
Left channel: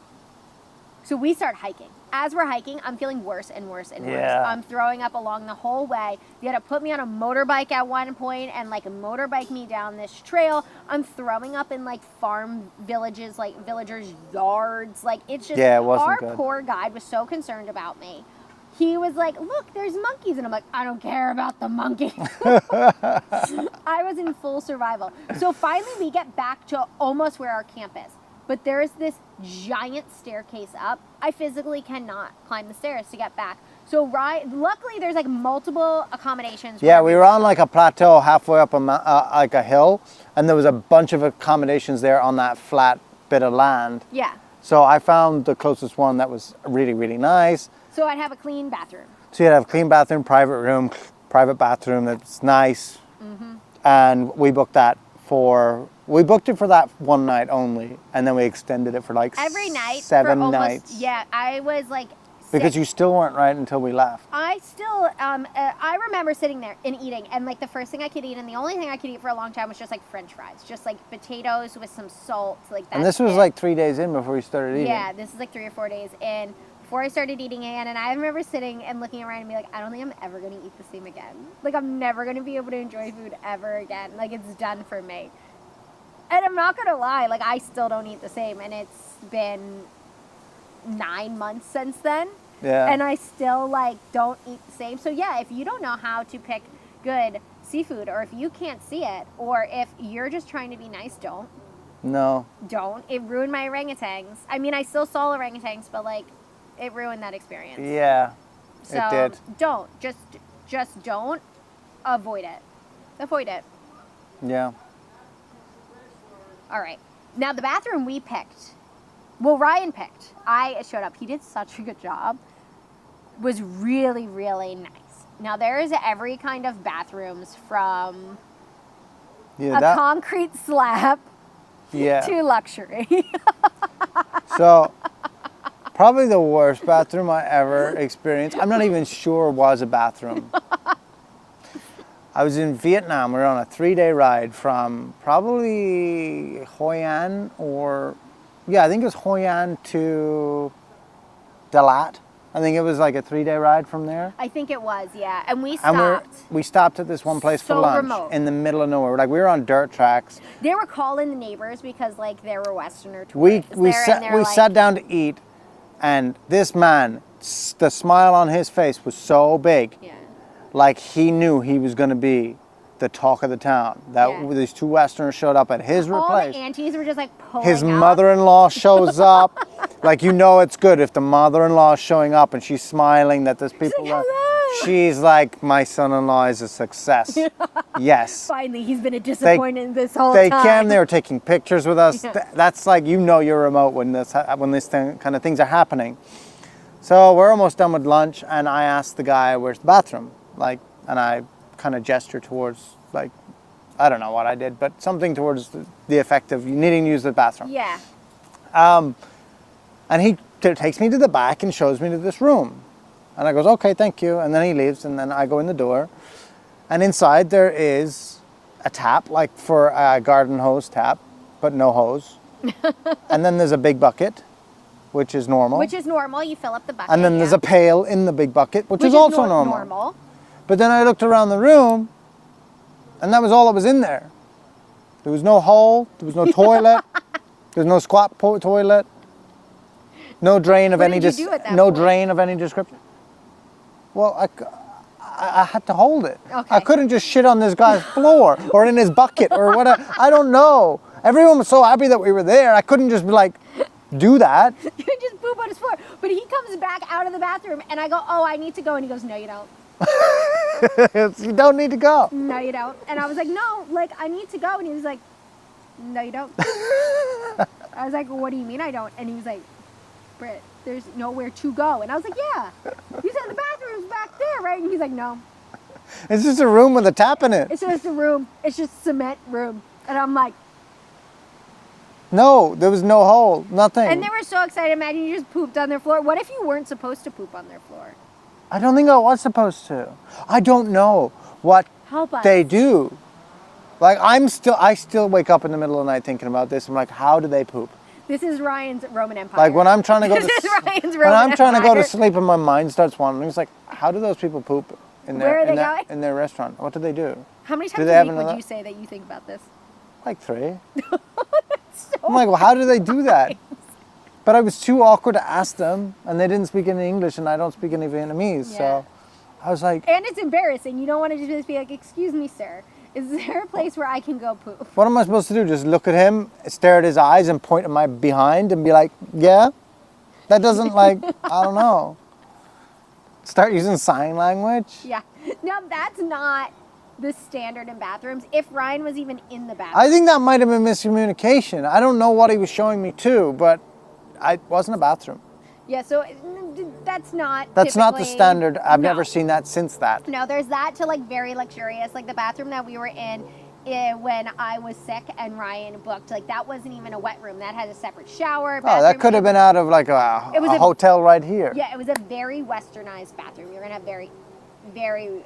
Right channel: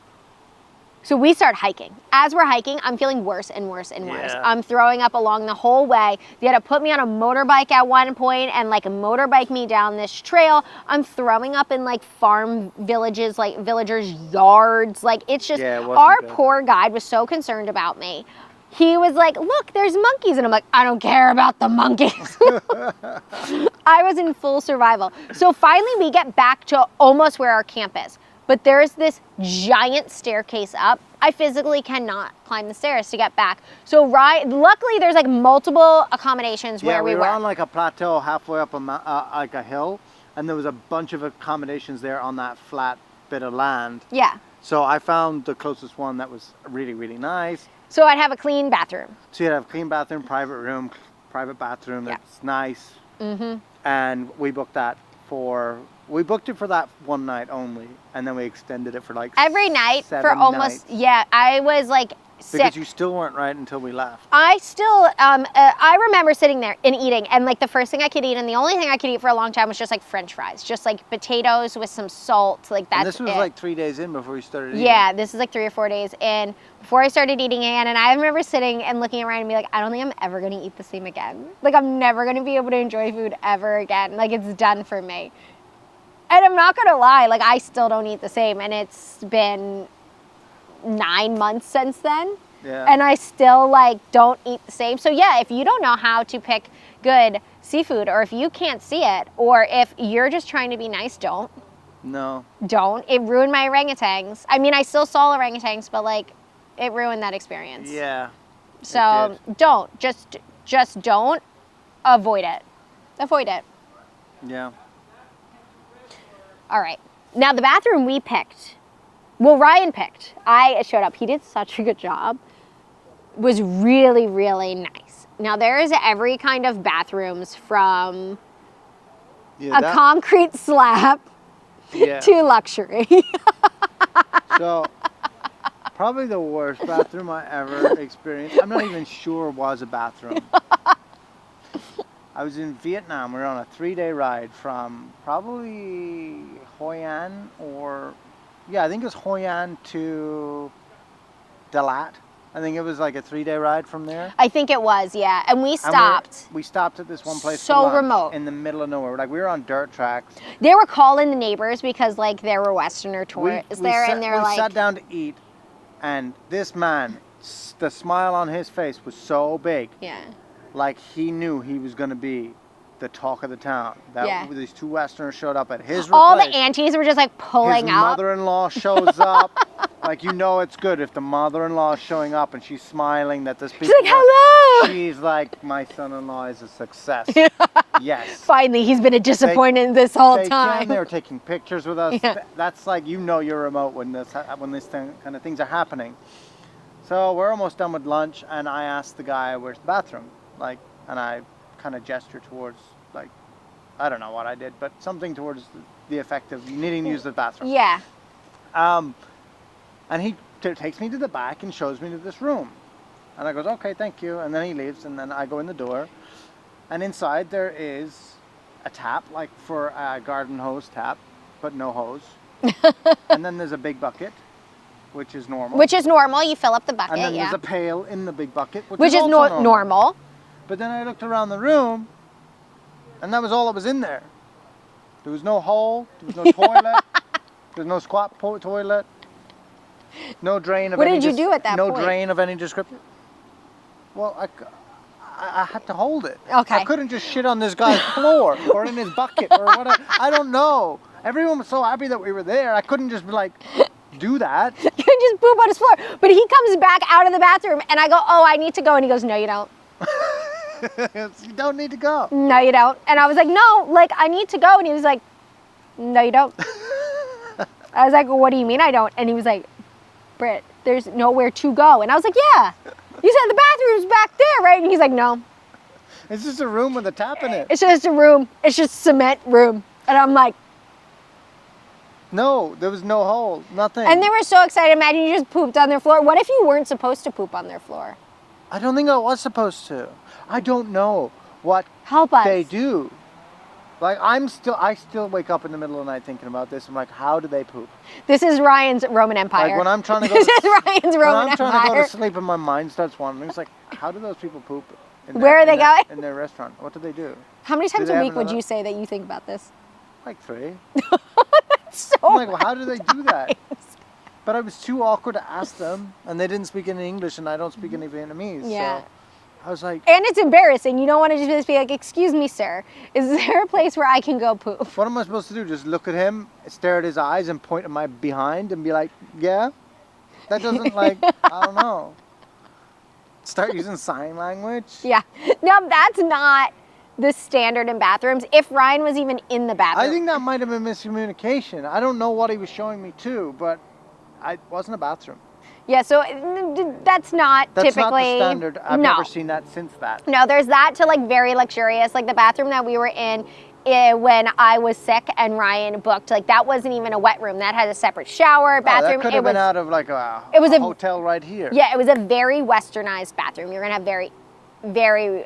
so we start hiking. As we're hiking, I'm feeling worse and worse and worse. Yeah. I'm throwing up along the whole way. They had to put me on a motorbike at one point and like motorbike me down this trail. I'm throwing up in like farm villages, like villagers' yards. Like it's just, Yeah, it wasn't our good. poor guide was so concerned about me. He was like, look, there's monkeys. And I'm like, I don't care about the monkeys. I was in full survival. So finally we get back to almost where our camp is. But there's this giant staircase up. I physically cannot climb the stairs to get back. So luckily there's like multiple accommodations. Yeah, where we were on like a plateau halfway up like a hill, and there was a bunch of accommodations there on that flat bit of land. Yeah. So I found the closest one that was really, really nice. So I'd have a clean bathroom. So you'd have a clean bathroom, private room, private bathroom that's nice. Mm-hmm. And we booked it for that one night only, and then we extended it for like Every night 7 for almost, nights. yeah, I was like sick. Because you still weren't right until we left. I still, I remember sitting there and eating, and like the first thing I could eat, and the only thing I could eat for a long time was just like French fries, just like potatoes with some salt, like that. And this was like 3 days in before we started eating. Yeah, this is like 3 or 4 days in before I started eating again, and I remember sitting and looking around and be like, I don't think I'm ever gonna eat the same again. Like I'm never gonna be able to enjoy food ever again. Like it's done for me. And I'm not gonna lie, like I still don't eat the same, and it's been 9 months since then. Yeah. And I still like don't eat the same. So yeah, if you don't know how to pick good seafood, or if you can't see it, or if you're just trying to be nice, don't. No. Don't. It ruined my orangutans. I mean, I still saw orangutans, but like, it ruined that experience. Yeah. So it did. don't. Just don't. Avoid it. Avoid it. Yeah. All right. Now the bathroom we picked. Well, Ryan picked. I showed up. He did such a good job. Was really, really nice. Now there is every kind of bathrooms from Yeah, concrete slab yeah. to luxury. So, probably the worst bathroom I ever experienced. I'm not even sure it was a bathroom. I was in Vietnam. We were on a 3-day ride from probably Hoi An I think it was Hoi An to Dalat. I think it was like a 3-day ride from there. I think it was, yeah. And we stopped. We stopped at this one place So for lunch remote. in the middle of nowhere. Like we were on dirt tracks. They were calling the neighbors because like there were Westerner tourists We there. sat down to eat, and this man, the smile on his face was so big. Yeah. Like he knew he was going to be the talk of the town. These 2 Westerners showed up at his All place. the aunties were just like pulling His up. mother-in-law shows up. Like, you know it's good if the mother-in-law is showing up and she's smiling that there's people. She's like, hello! She's like, my son-in-law is a success. Yes. Finally, he's been a disappointment this whole They time. were taking pictures with us. Yeah. That's like, you know you're remote when this kind of things are happening. So we're almost done with lunch, and I asked the guy, where's the bathroom? Like, and I kind of gestured towards, like, I don't know what I did, but something towards the effect of needing to use the bathroom. Yeah. And he takes me to the back and shows me to this room. And I goes, okay, thank you. And then he leaves, and then I go in the door. And inside there is a tap, like for a garden hose tap, but no hose. And then there's a big bucket, which is normal. Which is normal. You fill up the bucket. And then there's a pail in the big bucket, which is is also normal. But then I looked around the room, and that was all that was in there. There was no hole, there was no toilet, there's no squat toilet, no drain of What any did you do at that no point? drain of any description. Well, I had to hold it. Okay. I couldn't just shit on this guy's floor or in his bucket or whatever. I don't know. Everyone was so happy that we were there. I couldn't just be like, do that. You can just poop on his floor. But he comes back out of the bathroom, and I go, oh, I need to go. And he goes, no, you don't. You don't need to go. No, you don't. And I was like, no, like, I need to go. And he was like, no, you don't. I was like, well, what do you mean I don't? And he was like, Britt, there's nowhere to go. And I was like, yeah. You said the bathroom's back there, right? And he's like, no. It's just a room with a tap in it. It's just a room. It's just cement room. And I'm like, No, there was no hole, nothing. and they were so excited. Imagine you just pooped on their floor. What if you weren't supposed to poop on their floor? I don't think I was supposed to. I don't know what Help us. they do. Like I still wake up in the middle of the night thinking about this. I'm like, how do they poop? This is Ryan's Roman Empire. Like when I'm trying to go This to is Ryan's when Roman I'm trying to go to Empire. sleep and my mind starts wandering. It's like, how do those people poop? Where are they going? In their restaurant. What do they do? How many Do times they a have week would another- you say that you think about this? Like 3. So I'm like, well, how do they do that? But I was too awkward to ask them, and they didn't speak any English, and I don't speak any Vietnamese. Yeah. So I was like, and it's embarrassing. You don't want to just be like, excuse me, sir. Is there a place where I can go poop? what am I supposed to do? Just look at him, stare at his eyes, and point at my behind and be like, yeah? That doesn't like, I don't know. Start using sign language? Yeah. No, that's not the standard in bathrooms. If Ryan was even in the bathroom. I think that might have been miscommunication. I don't know what he was showing me too, but it wasn't a bathroom. Yeah, so that's not That's typically. not the standard. I've no. never seen that since that. No, there's that to like very luxurious. Like the bathroom that we were in when I was sick and Ryan booked, like that wasn't even a wet room. That had a separate shower, Oh, bathroom. that could have It been was- out of like a It was a- hotel right here. Yeah, it was a very westernized bathroom. You're gonna have very, very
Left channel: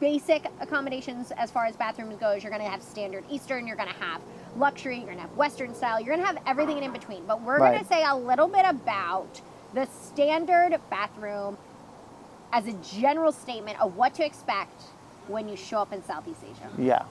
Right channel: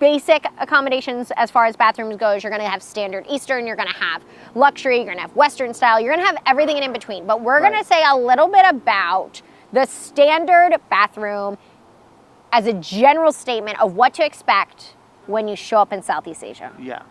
basic accommodations as far as bathrooms goes. You're gonna have standard Eastern. You're gonna have luxury. You're gonna have Western style. You're gonna have everything in between. But we're Right. gonna say a little bit about the standard bathroom as a general statement of what to expect when you show up in Southeast Asia. Yeah.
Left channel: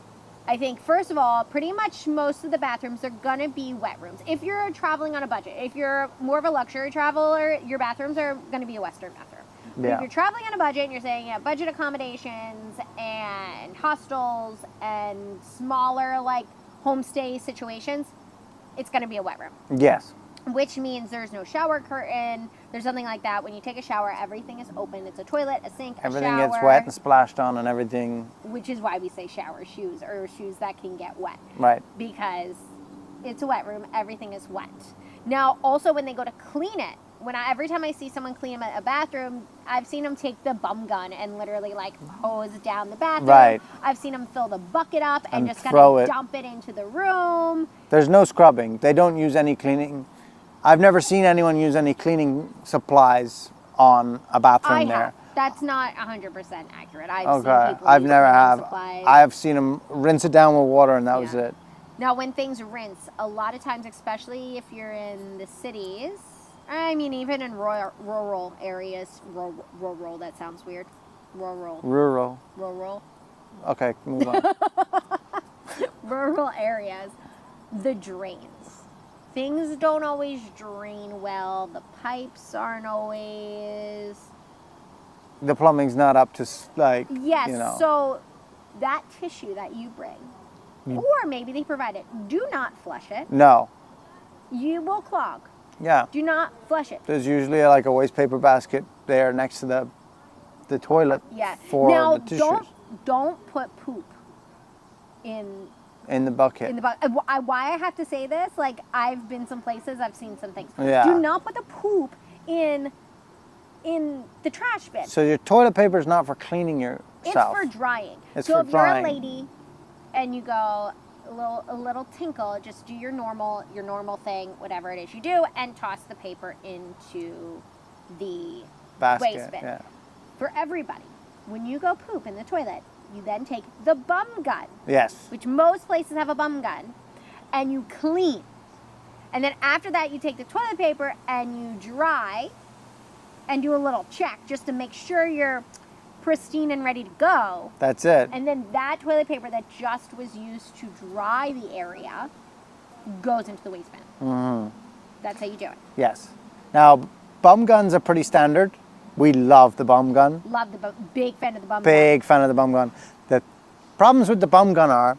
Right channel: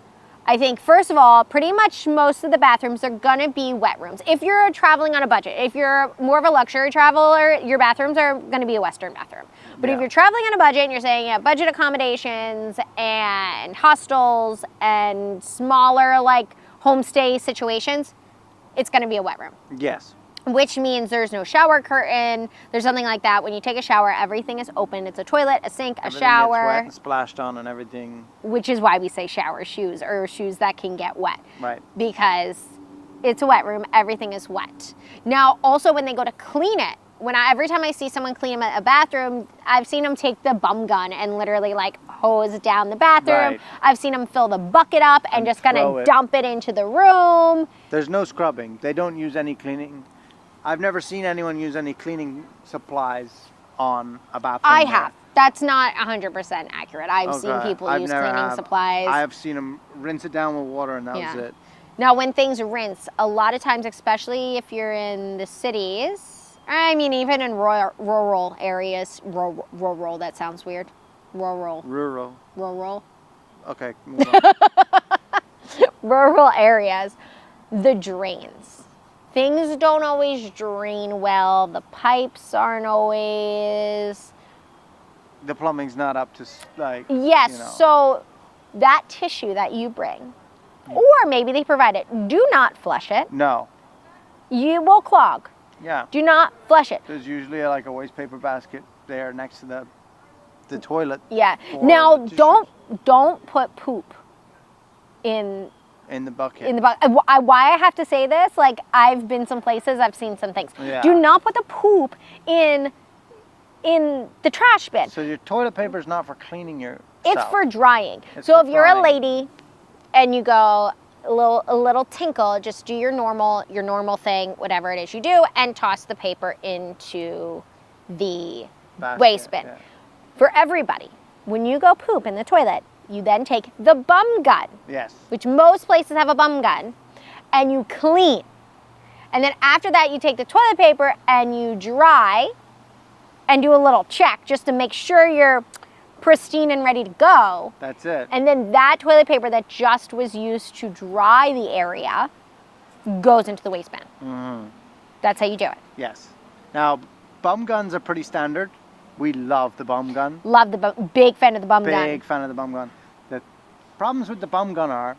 I think, first of all, pretty much most of the bathrooms are gonna be wet rooms. If you're traveling on a budget, if you're more of a luxury traveler, your bathrooms are gonna be a Western bathroom. But Yeah. if you're traveling on a budget and you're staying at budget accommodations and hostels and smaller like homestay situations, it's gonna be a wet room. Yes. Which means there's no shower curtain, there's something like that. When you take a shower, everything is open. It's a toilet, a sink, a Everything shower. gets wet and splashed on and everything. Which is why we say shower shoes or shoes that can get wet. Right. Because it's a wet room, everything is wet. Now, also when they go to clean it, every time I see someone clean a bathroom, I've seen them take the bum gun and literally like hose down the bathroom. Right. I've seen them fill the bucket up and just kind throw of it. dump it into the room. There's no scrubbing. They don't use any cleaning. I've never seen anyone use any cleaning supplies on a bathroom. I there. have. That's not 100% accurate. I've seen people use cleaning supplies. I've seen them rinse it down with water, and that was it. Now, when things rinse, a lot of times, especially if you're in the cities, I mean, even in rural areas, rural, that sounds weird. Rural. Okay, move on. Rural areas, the drains. Things don't always drain well. The pipes aren't always... The plumbing's not up to, like, Yes, so that tissue that you bring, or maybe they provide it, do not flush it. No. You will clog. Yeah. Do not flush it. There's usually like a waste paper basket there next to the toilet. Yeah. For Now, the don't put poop in the bucket. Why I have to say this? Like, I've been some places, I've seen some things. Yeah. Do not put the poop in the trash bin. So your toilet paper is not for cleaning yourself. It's for drying. It's so for if you're drying. a lady and you go a little tinkle, just do your normal thing, whatever it is you do, and toss the paper into the Basket, waste bin. yeah. For everybody, when you go poop in the toilet, you then take the bum gun, Yes. which most places have a bum gun, and you clean. And then after that, you take the toilet paper and you dry and do a little check just to make sure you're pristine and ready to go. That's it. And then that toilet paper that just was used to dry the area goes into the waste bin. Mm-hmm. That's how you do it. Yes. Now, bum guns are pretty standard. We love the bum gun. Love the big fan of the bum gun. Big fan of the bum gun. The problems with the bum gun are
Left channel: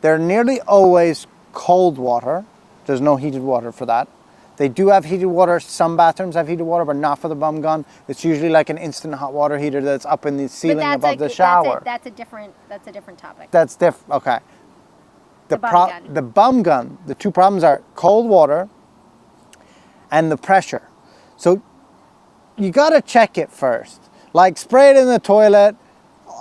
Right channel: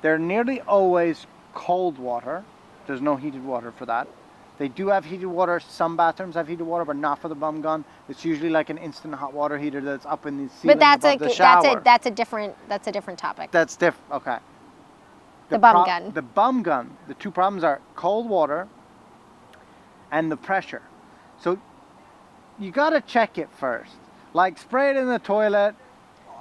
they're nearly always cold water. There's no heated water for that. They do have heated water. Some bathrooms have heated water, but not for the bum gun. It's usually like an instant hot water heater that's up in the ceiling above the shower. That's a different topic. That's different. Okay. The bum gun. The bum gun. The two problems are cold water and the pressure. So you gotta check it first. Like spray it in the toilet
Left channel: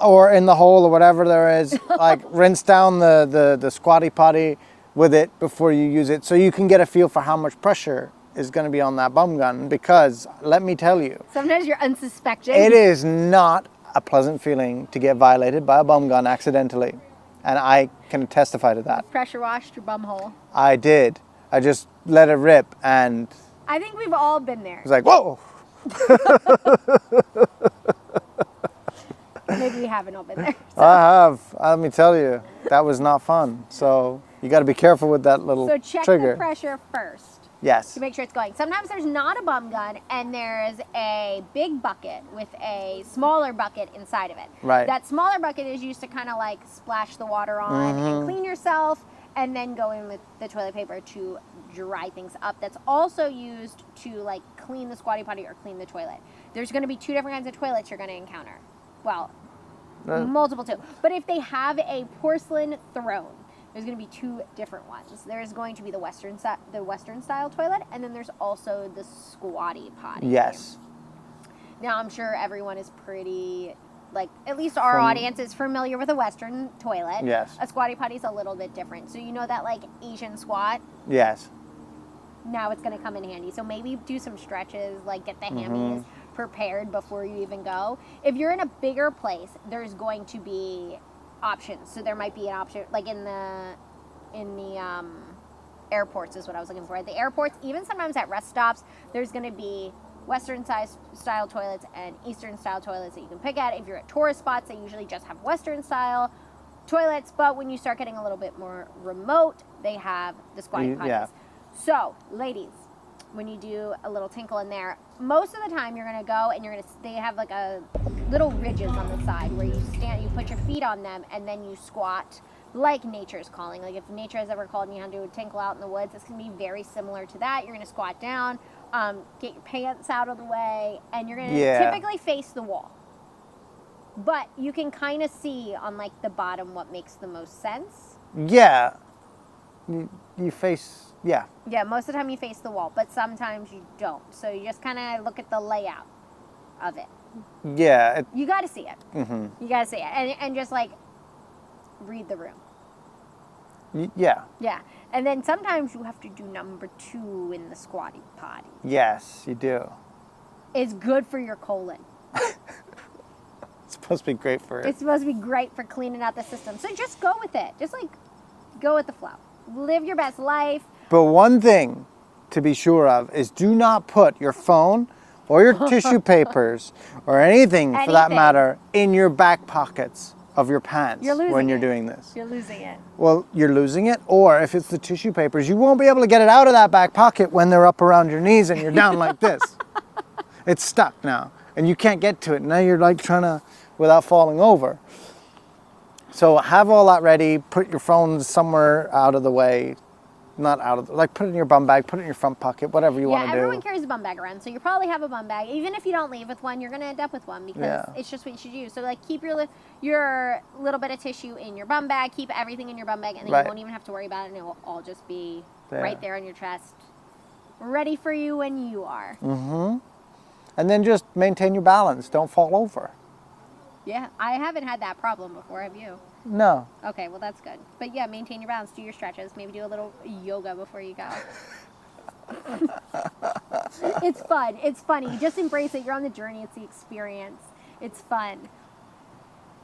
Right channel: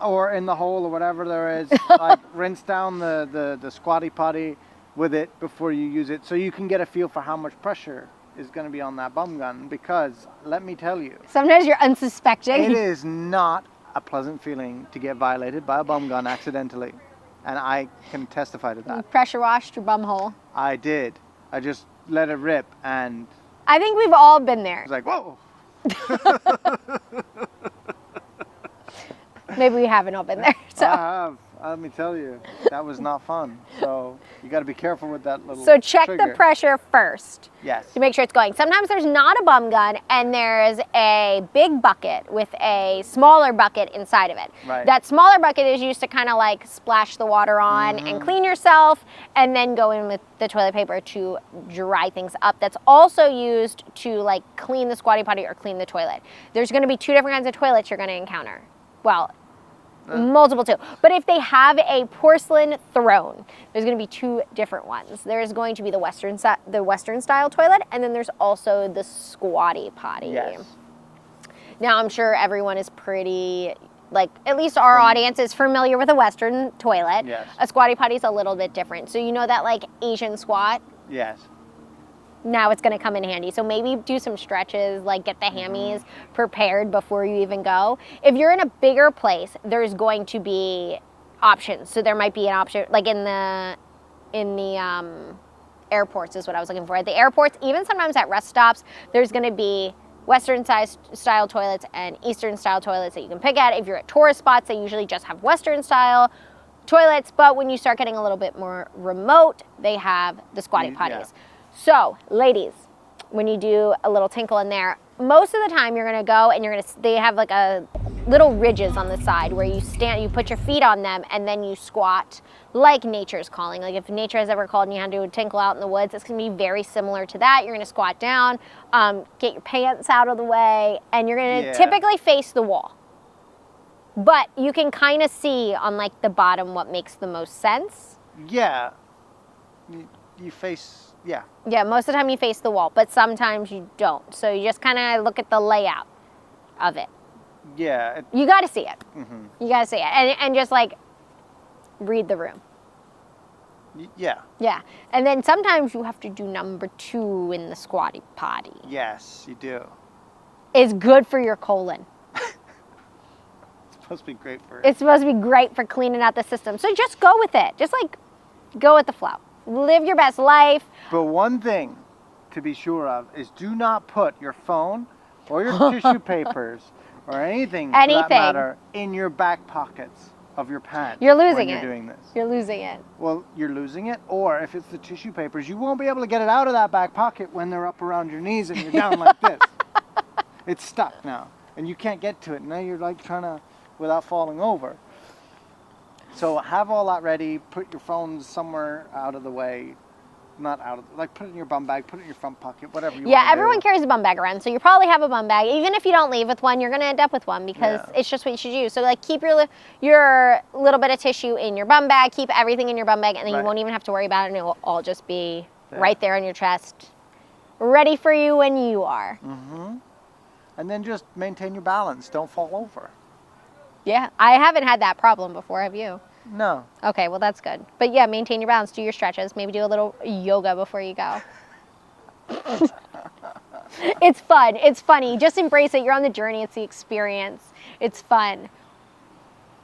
or in the hole or whatever there is. Like rinse down the Squatty Potty with it before you use it, so you can get a feel for how much pressure is going to be on that bum gun. Because let me tell you, sometimes you're unsuspecting. it is not a pleasant feeling to get violated by a bum gun accidentally, and I can testify to that. You pressure washed your bum hole. I did. I just let it rip, and I think we've all been there. it was like, whoa. Maybe we haven't all been there. So. I have. Let me tell you, that was not fun. So you got to be careful with that little So check trigger. the pressure first. Yes. To make sure it's going. Sometimes there's not a bum gun and there's a big bucket with a smaller bucket inside of it. Right. That smaller bucket is used to kind of like splash the water on and clean yourself, and then go in with the toilet paper to dry things up. That's also used to like clean the Squatty Potty or clean the toilet. There's going to be two different kinds of toilets you're going to encounter. Well, multiple too. But if they have a porcelain throne, there's going to be two different ones. There's going to be the Western style toilet, and then there's also the Squatty Potty. Yes. Now I'm sure everyone is pretty, like, at least our audience is familiar with a Western toilet. Yes. A Squatty Potty is a little bit different. So you know that like Asian squat? Yes. Now it's going to come in handy. So maybe do some stretches, like get the hammies prepared before you even go. If you're in a bigger place, there's going to be options. So there might be an option, like in the airports is what I was looking for. At the airports, even sometimes at rest stops, there's going to be Western style toilets and Eastern style toilets that you can pick at. If you're at tourist spots, they usually just have Western style toilets. But when you start getting a little bit more remote, they have the Squatty Potties. Yeah. So, ladies, when you do a little tinkle in there, most of the time you're gonna go and they have like a little ridges on the side where you stand, you put your feet on them, and then you squat like nature's calling. Like if nature has ever called and you had to do a tinkle out in the woods, it's gonna be very similar to that. You're gonna squat down, get your pants out of the way, and you're gonna typically face the wall. But you can kind of see on like the bottom what makes the most sense. Yeah. You face, yeah. Yeah, most of the time you face the wall, but sometimes you don't. So you just kind of look at the layout of it. Yeah. You got to see it. Mm-hmm. You got to see it. And just like read the room. Yeah. Yeah. And then sometimes you have to do number 2 in the Squatty Potty. Yes, you do. It's good for your colon. supposed to be great for it. It's supposed to be great for cleaning out the system. So just go with it. Just like go with the flow. Live your best life. But one thing to be sure of is do not put your phone or your tissue papers or anything for that matter in your back pockets of your pants. You're losing when you're it. doing this. You're losing it. Well, you're losing it, or if it's the tissue papers, you won't be able to get it out of that back pocket when they're up around your knees and you're down like this. It's stuck now, and you can't get to it. Now you're like trying to, without falling over. So have all that ready, put your phone somewhere out of the way. Not out of, like put it in your bum bag, put it in your front pocket, whatever you want to do. Yeah, everyone carries a bum bag around, so you probably have a bum bag. Even if you don't leave with one, you're going to end up with one because it's just what you should do. So like keep your little bit of tissue in your bum bag, keep everything in your bum bag, and then you won't even have to worry about it, and it will all just be right there on your chest, ready for you when you are. Mm-hmm. And then just maintain your balance. Don't fall over. Yeah, I haven't had that problem before, have you? No. Okay, well that's good. But yeah, maintain your balance, do your stretches, maybe do a little yoga before you go. It's fun, it's funny, just embrace it. You're on the journey, it's the experience. It's fun.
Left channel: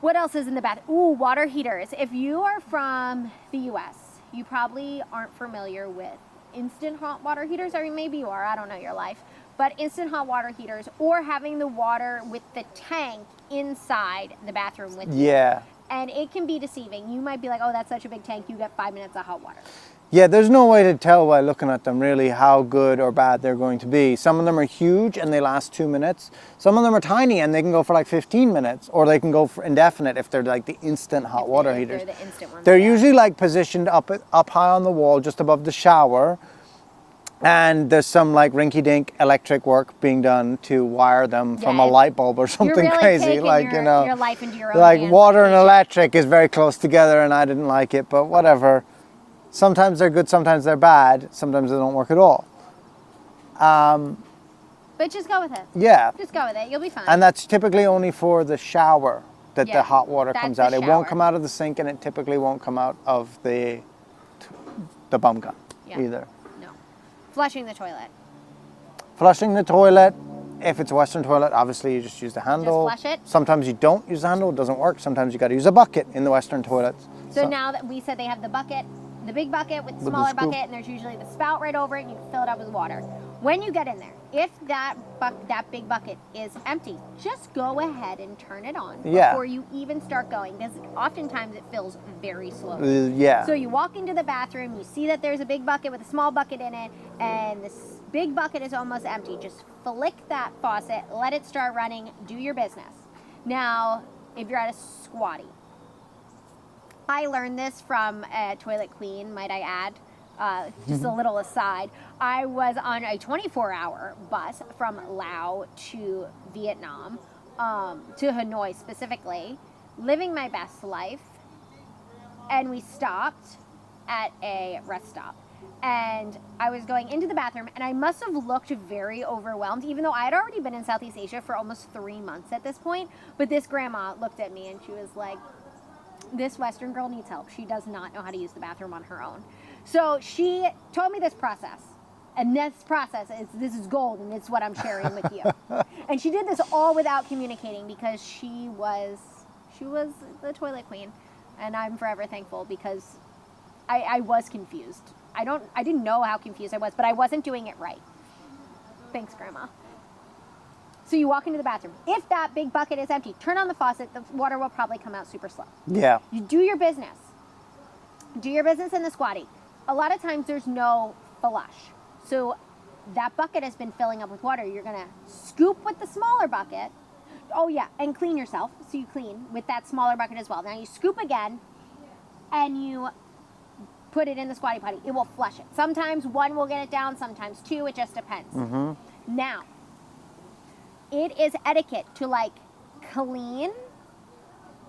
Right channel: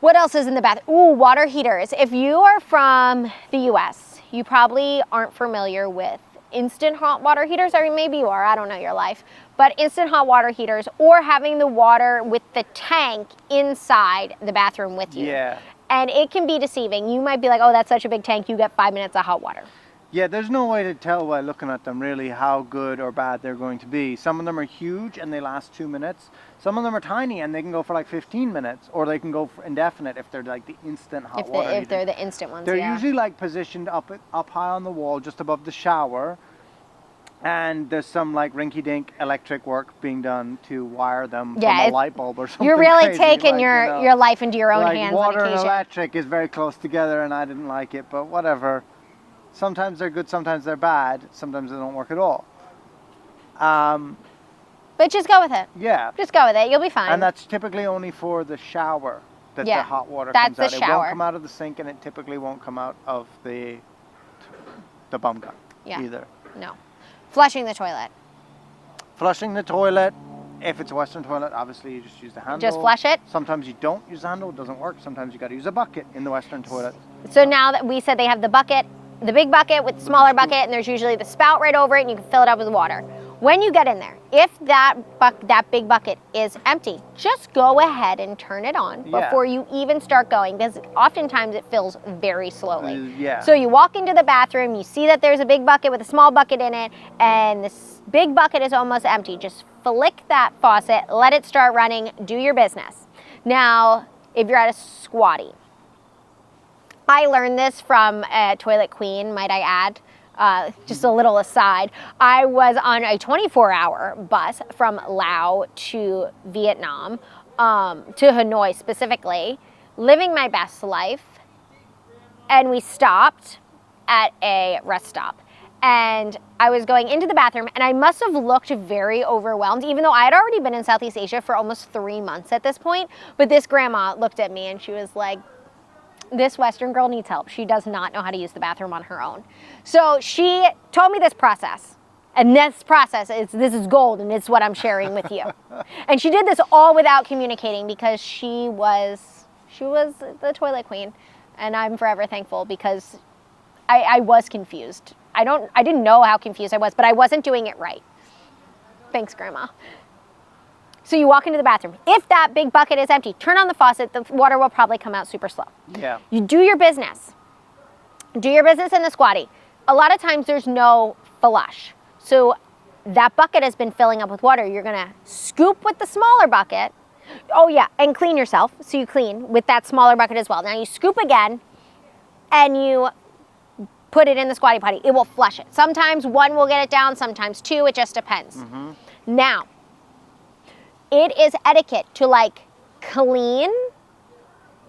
What else is in the bathroom? Ooh, water heaters. If you are from the US, you probably aren't familiar with instant hot water heaters, or maybe you are, I don't know your life. But instant hot water heaters or having the water with the tank inside the bathroom with you. Yeah. And it can be deceiving. You might be like, oh, that's such a big tank, you get 5 minutes of hot water. Yeah, there's no way to tell by looking at them really how good or bad they're going to be. Some of them are huge and they last 2 minutes. Some of them are tiny and they can go for like 15 minutes, or they can go for indefinite if they're like the instant hot water heaters. If they're the instant ones. They're usually like positioned up high on the wall, just above the shower. And there's some like rinky-dink electric work being done to wire them from a light bulb or something crazy. You're really crazy. taking your life into your own hands. Like water and electric is very close together, and I didn't like it, but whatever. Sometimes they're good, sometimes they're bad, sometimes they don't work at all. But just go with it. Yeah. Just go with it. You'll be fine. And that's typically only for the shower that the hot water comes out. It won't come out of the sink, and it typically won't come out of the bum gun either. No. Flushing the toilet. Flushing the toilet. If it's a Western toilet, obviously you just use the handle. Just flush it? Sometimes you don't use the handle, it doesn't work. Sometimes you got to use a bucket in the Western toilets. So now that we said they have the bucket, the big bucket with the smaller bucket, and there's usually the spout right over it, and you can fill it up with water. When you get in there, if that big bucket is empty, just go ahead and turn it on before you even start going, because oftentimes it fills very slowly. So you walk into the bathroom, you see that there's a big bucket with a small bucket in it, and this big bucket is almost empty. Just flick that faucet, let it start running, do your business. Now, if you're at a Squatty, I learned this from a toilet queen, might I add. Just a little aside, I was on a 24-hour bus from Laos to Vietnam, to Hanoi specifically, living my best life, and we stopped at a rest stop. And I was going into the bathroom, and I must have looked very overwhelmed, even though I had already been in Southeast Asia for almost 3 months at this point. But this grandma looked at me, and she was like, this Western girl needs help. She does not know how to use the bathroom on her own. So she told me this process. And this process, this is gold, and it's what I'm sharing with you. And she did this all without communicating, because she was the toilet queen. And I'm forever thankful, because I was confused. I didn't know how confused I was, but I wasn't doing it right. Thanks, Grandma. So you walk into the bathroom. If that big bucket is empty, turn on the faucet. The water will probably come out super slow. Yeah. You do your business. Do your business in the Squatty. A lot of times there's no flush. So that bucket has been filling up with water. You're going to scoop with the smaller bucket. Oh, yeah, and clean yourself. So you clean with that smaller bucket as well. Now you scoop again, and you put it in the Squatty Potty. It will flush it. Sometimes one will get it down, sometimes two. It just depends. Mm-hmm. Now, it is etiquette to like clean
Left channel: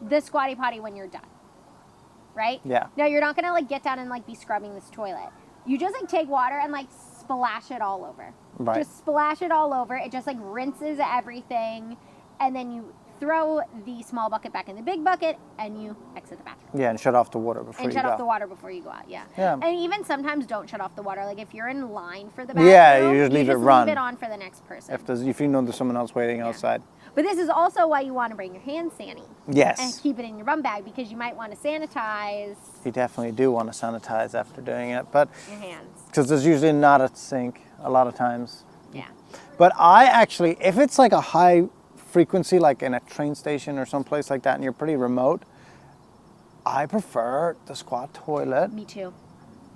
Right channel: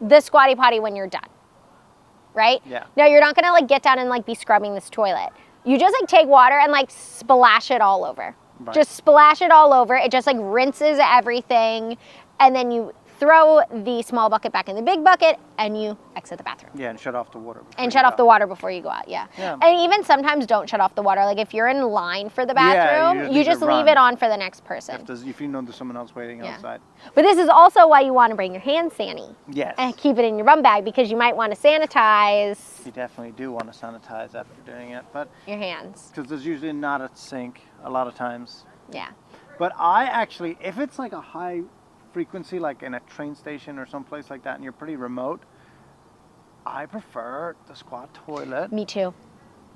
the Squatty Potty when you're done, right? Yeah. Now you're not gonna like get down and like be scrubbing this toilet. You just like take water and like splash it all over. Right. Just splash it all over. It just like rinses everything, and then you throw the small bucket back in the big bucket and you exit. to the bathroom. Yeah, and shut off the water before And you shut go. off the water before you go out, yeah. And even sometimes don't shut off the water. Like if you're in line for the bathroom, you just leave it on for the next person. If you know there's someone else waiting outside. But this is also why you want to bring your hand sani. Yes. And keep it in your bum bag because you might want to sanitize You definitely do want to sanitize after doing it, but your hands. because there's usually not a sink a lot of times. Yeah. But I actually, if it's like a high frequency, like in a train station or someplace like that, and you're pretty remote, I prefer the squat toilet Me too.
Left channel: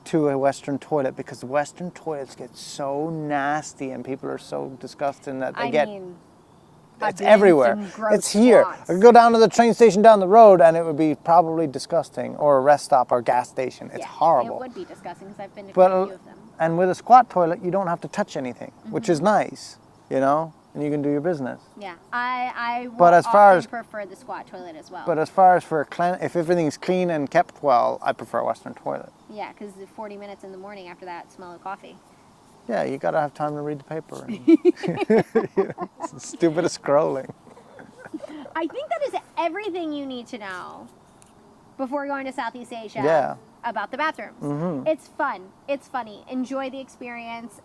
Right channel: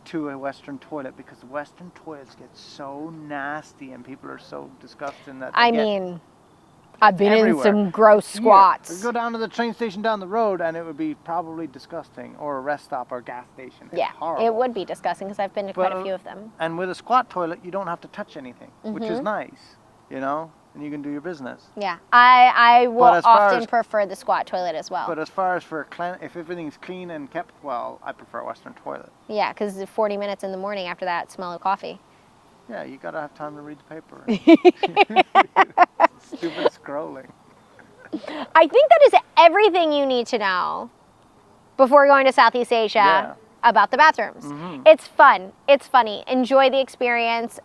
to a Western toilet because the Western toilets get so nasty and people are so disgusting that they I've been everywhere. in some gross It's here. squats. I could go down to the train station down the road and it would be probably disgusting, or a rest stop or gas station. It's horrible. It would be disgusting because I've been to quite a few of them. And with a squat toilet, you don't have to touch anything, which Mm-hmm. is nice, you know, and you can do your business. Yeah, I will as far often as- prefer the squat toilet as well. But as far as if everything's clean and kept well, I prefer a Western toilet. Yeah, because 40 minutes in the morning after that smell of coffee. Yeah, you gotta have time to read the paper. Stupid scrolling. I think that is everything you need to know before going to Southeast Asia about the bathrooms. Mm-hmm. It's fun. It's funny. Enjoy the experience.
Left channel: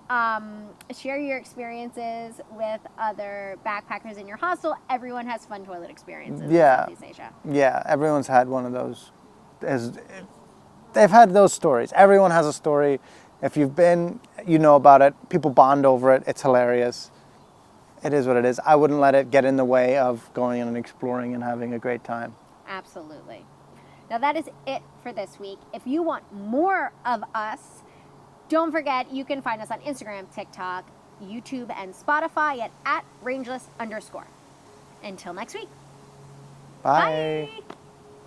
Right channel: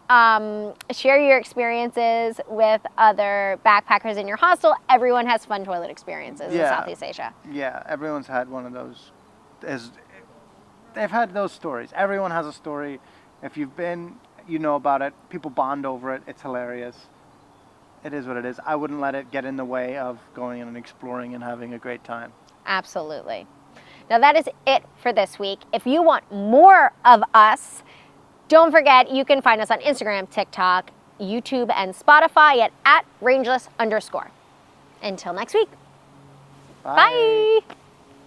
Share your experiences with other backpackers in your hostel. Everyone has fun toilet experiences in Southeast Asia. Yeah, everyone's had one of those. They've had those stories. Everyone has a story. If you've been, you know about it. People bond over it. It's hilarious. It is what it is. I wouldn't let it get in the way of going and exploring and having a great time. Absolutely. Now that is it for this week. If you want more of us, don't forget you can find us on Instagram, TikTok, YouTube, and Spotify at @Rangeless_. Until next week. Bye. Bye.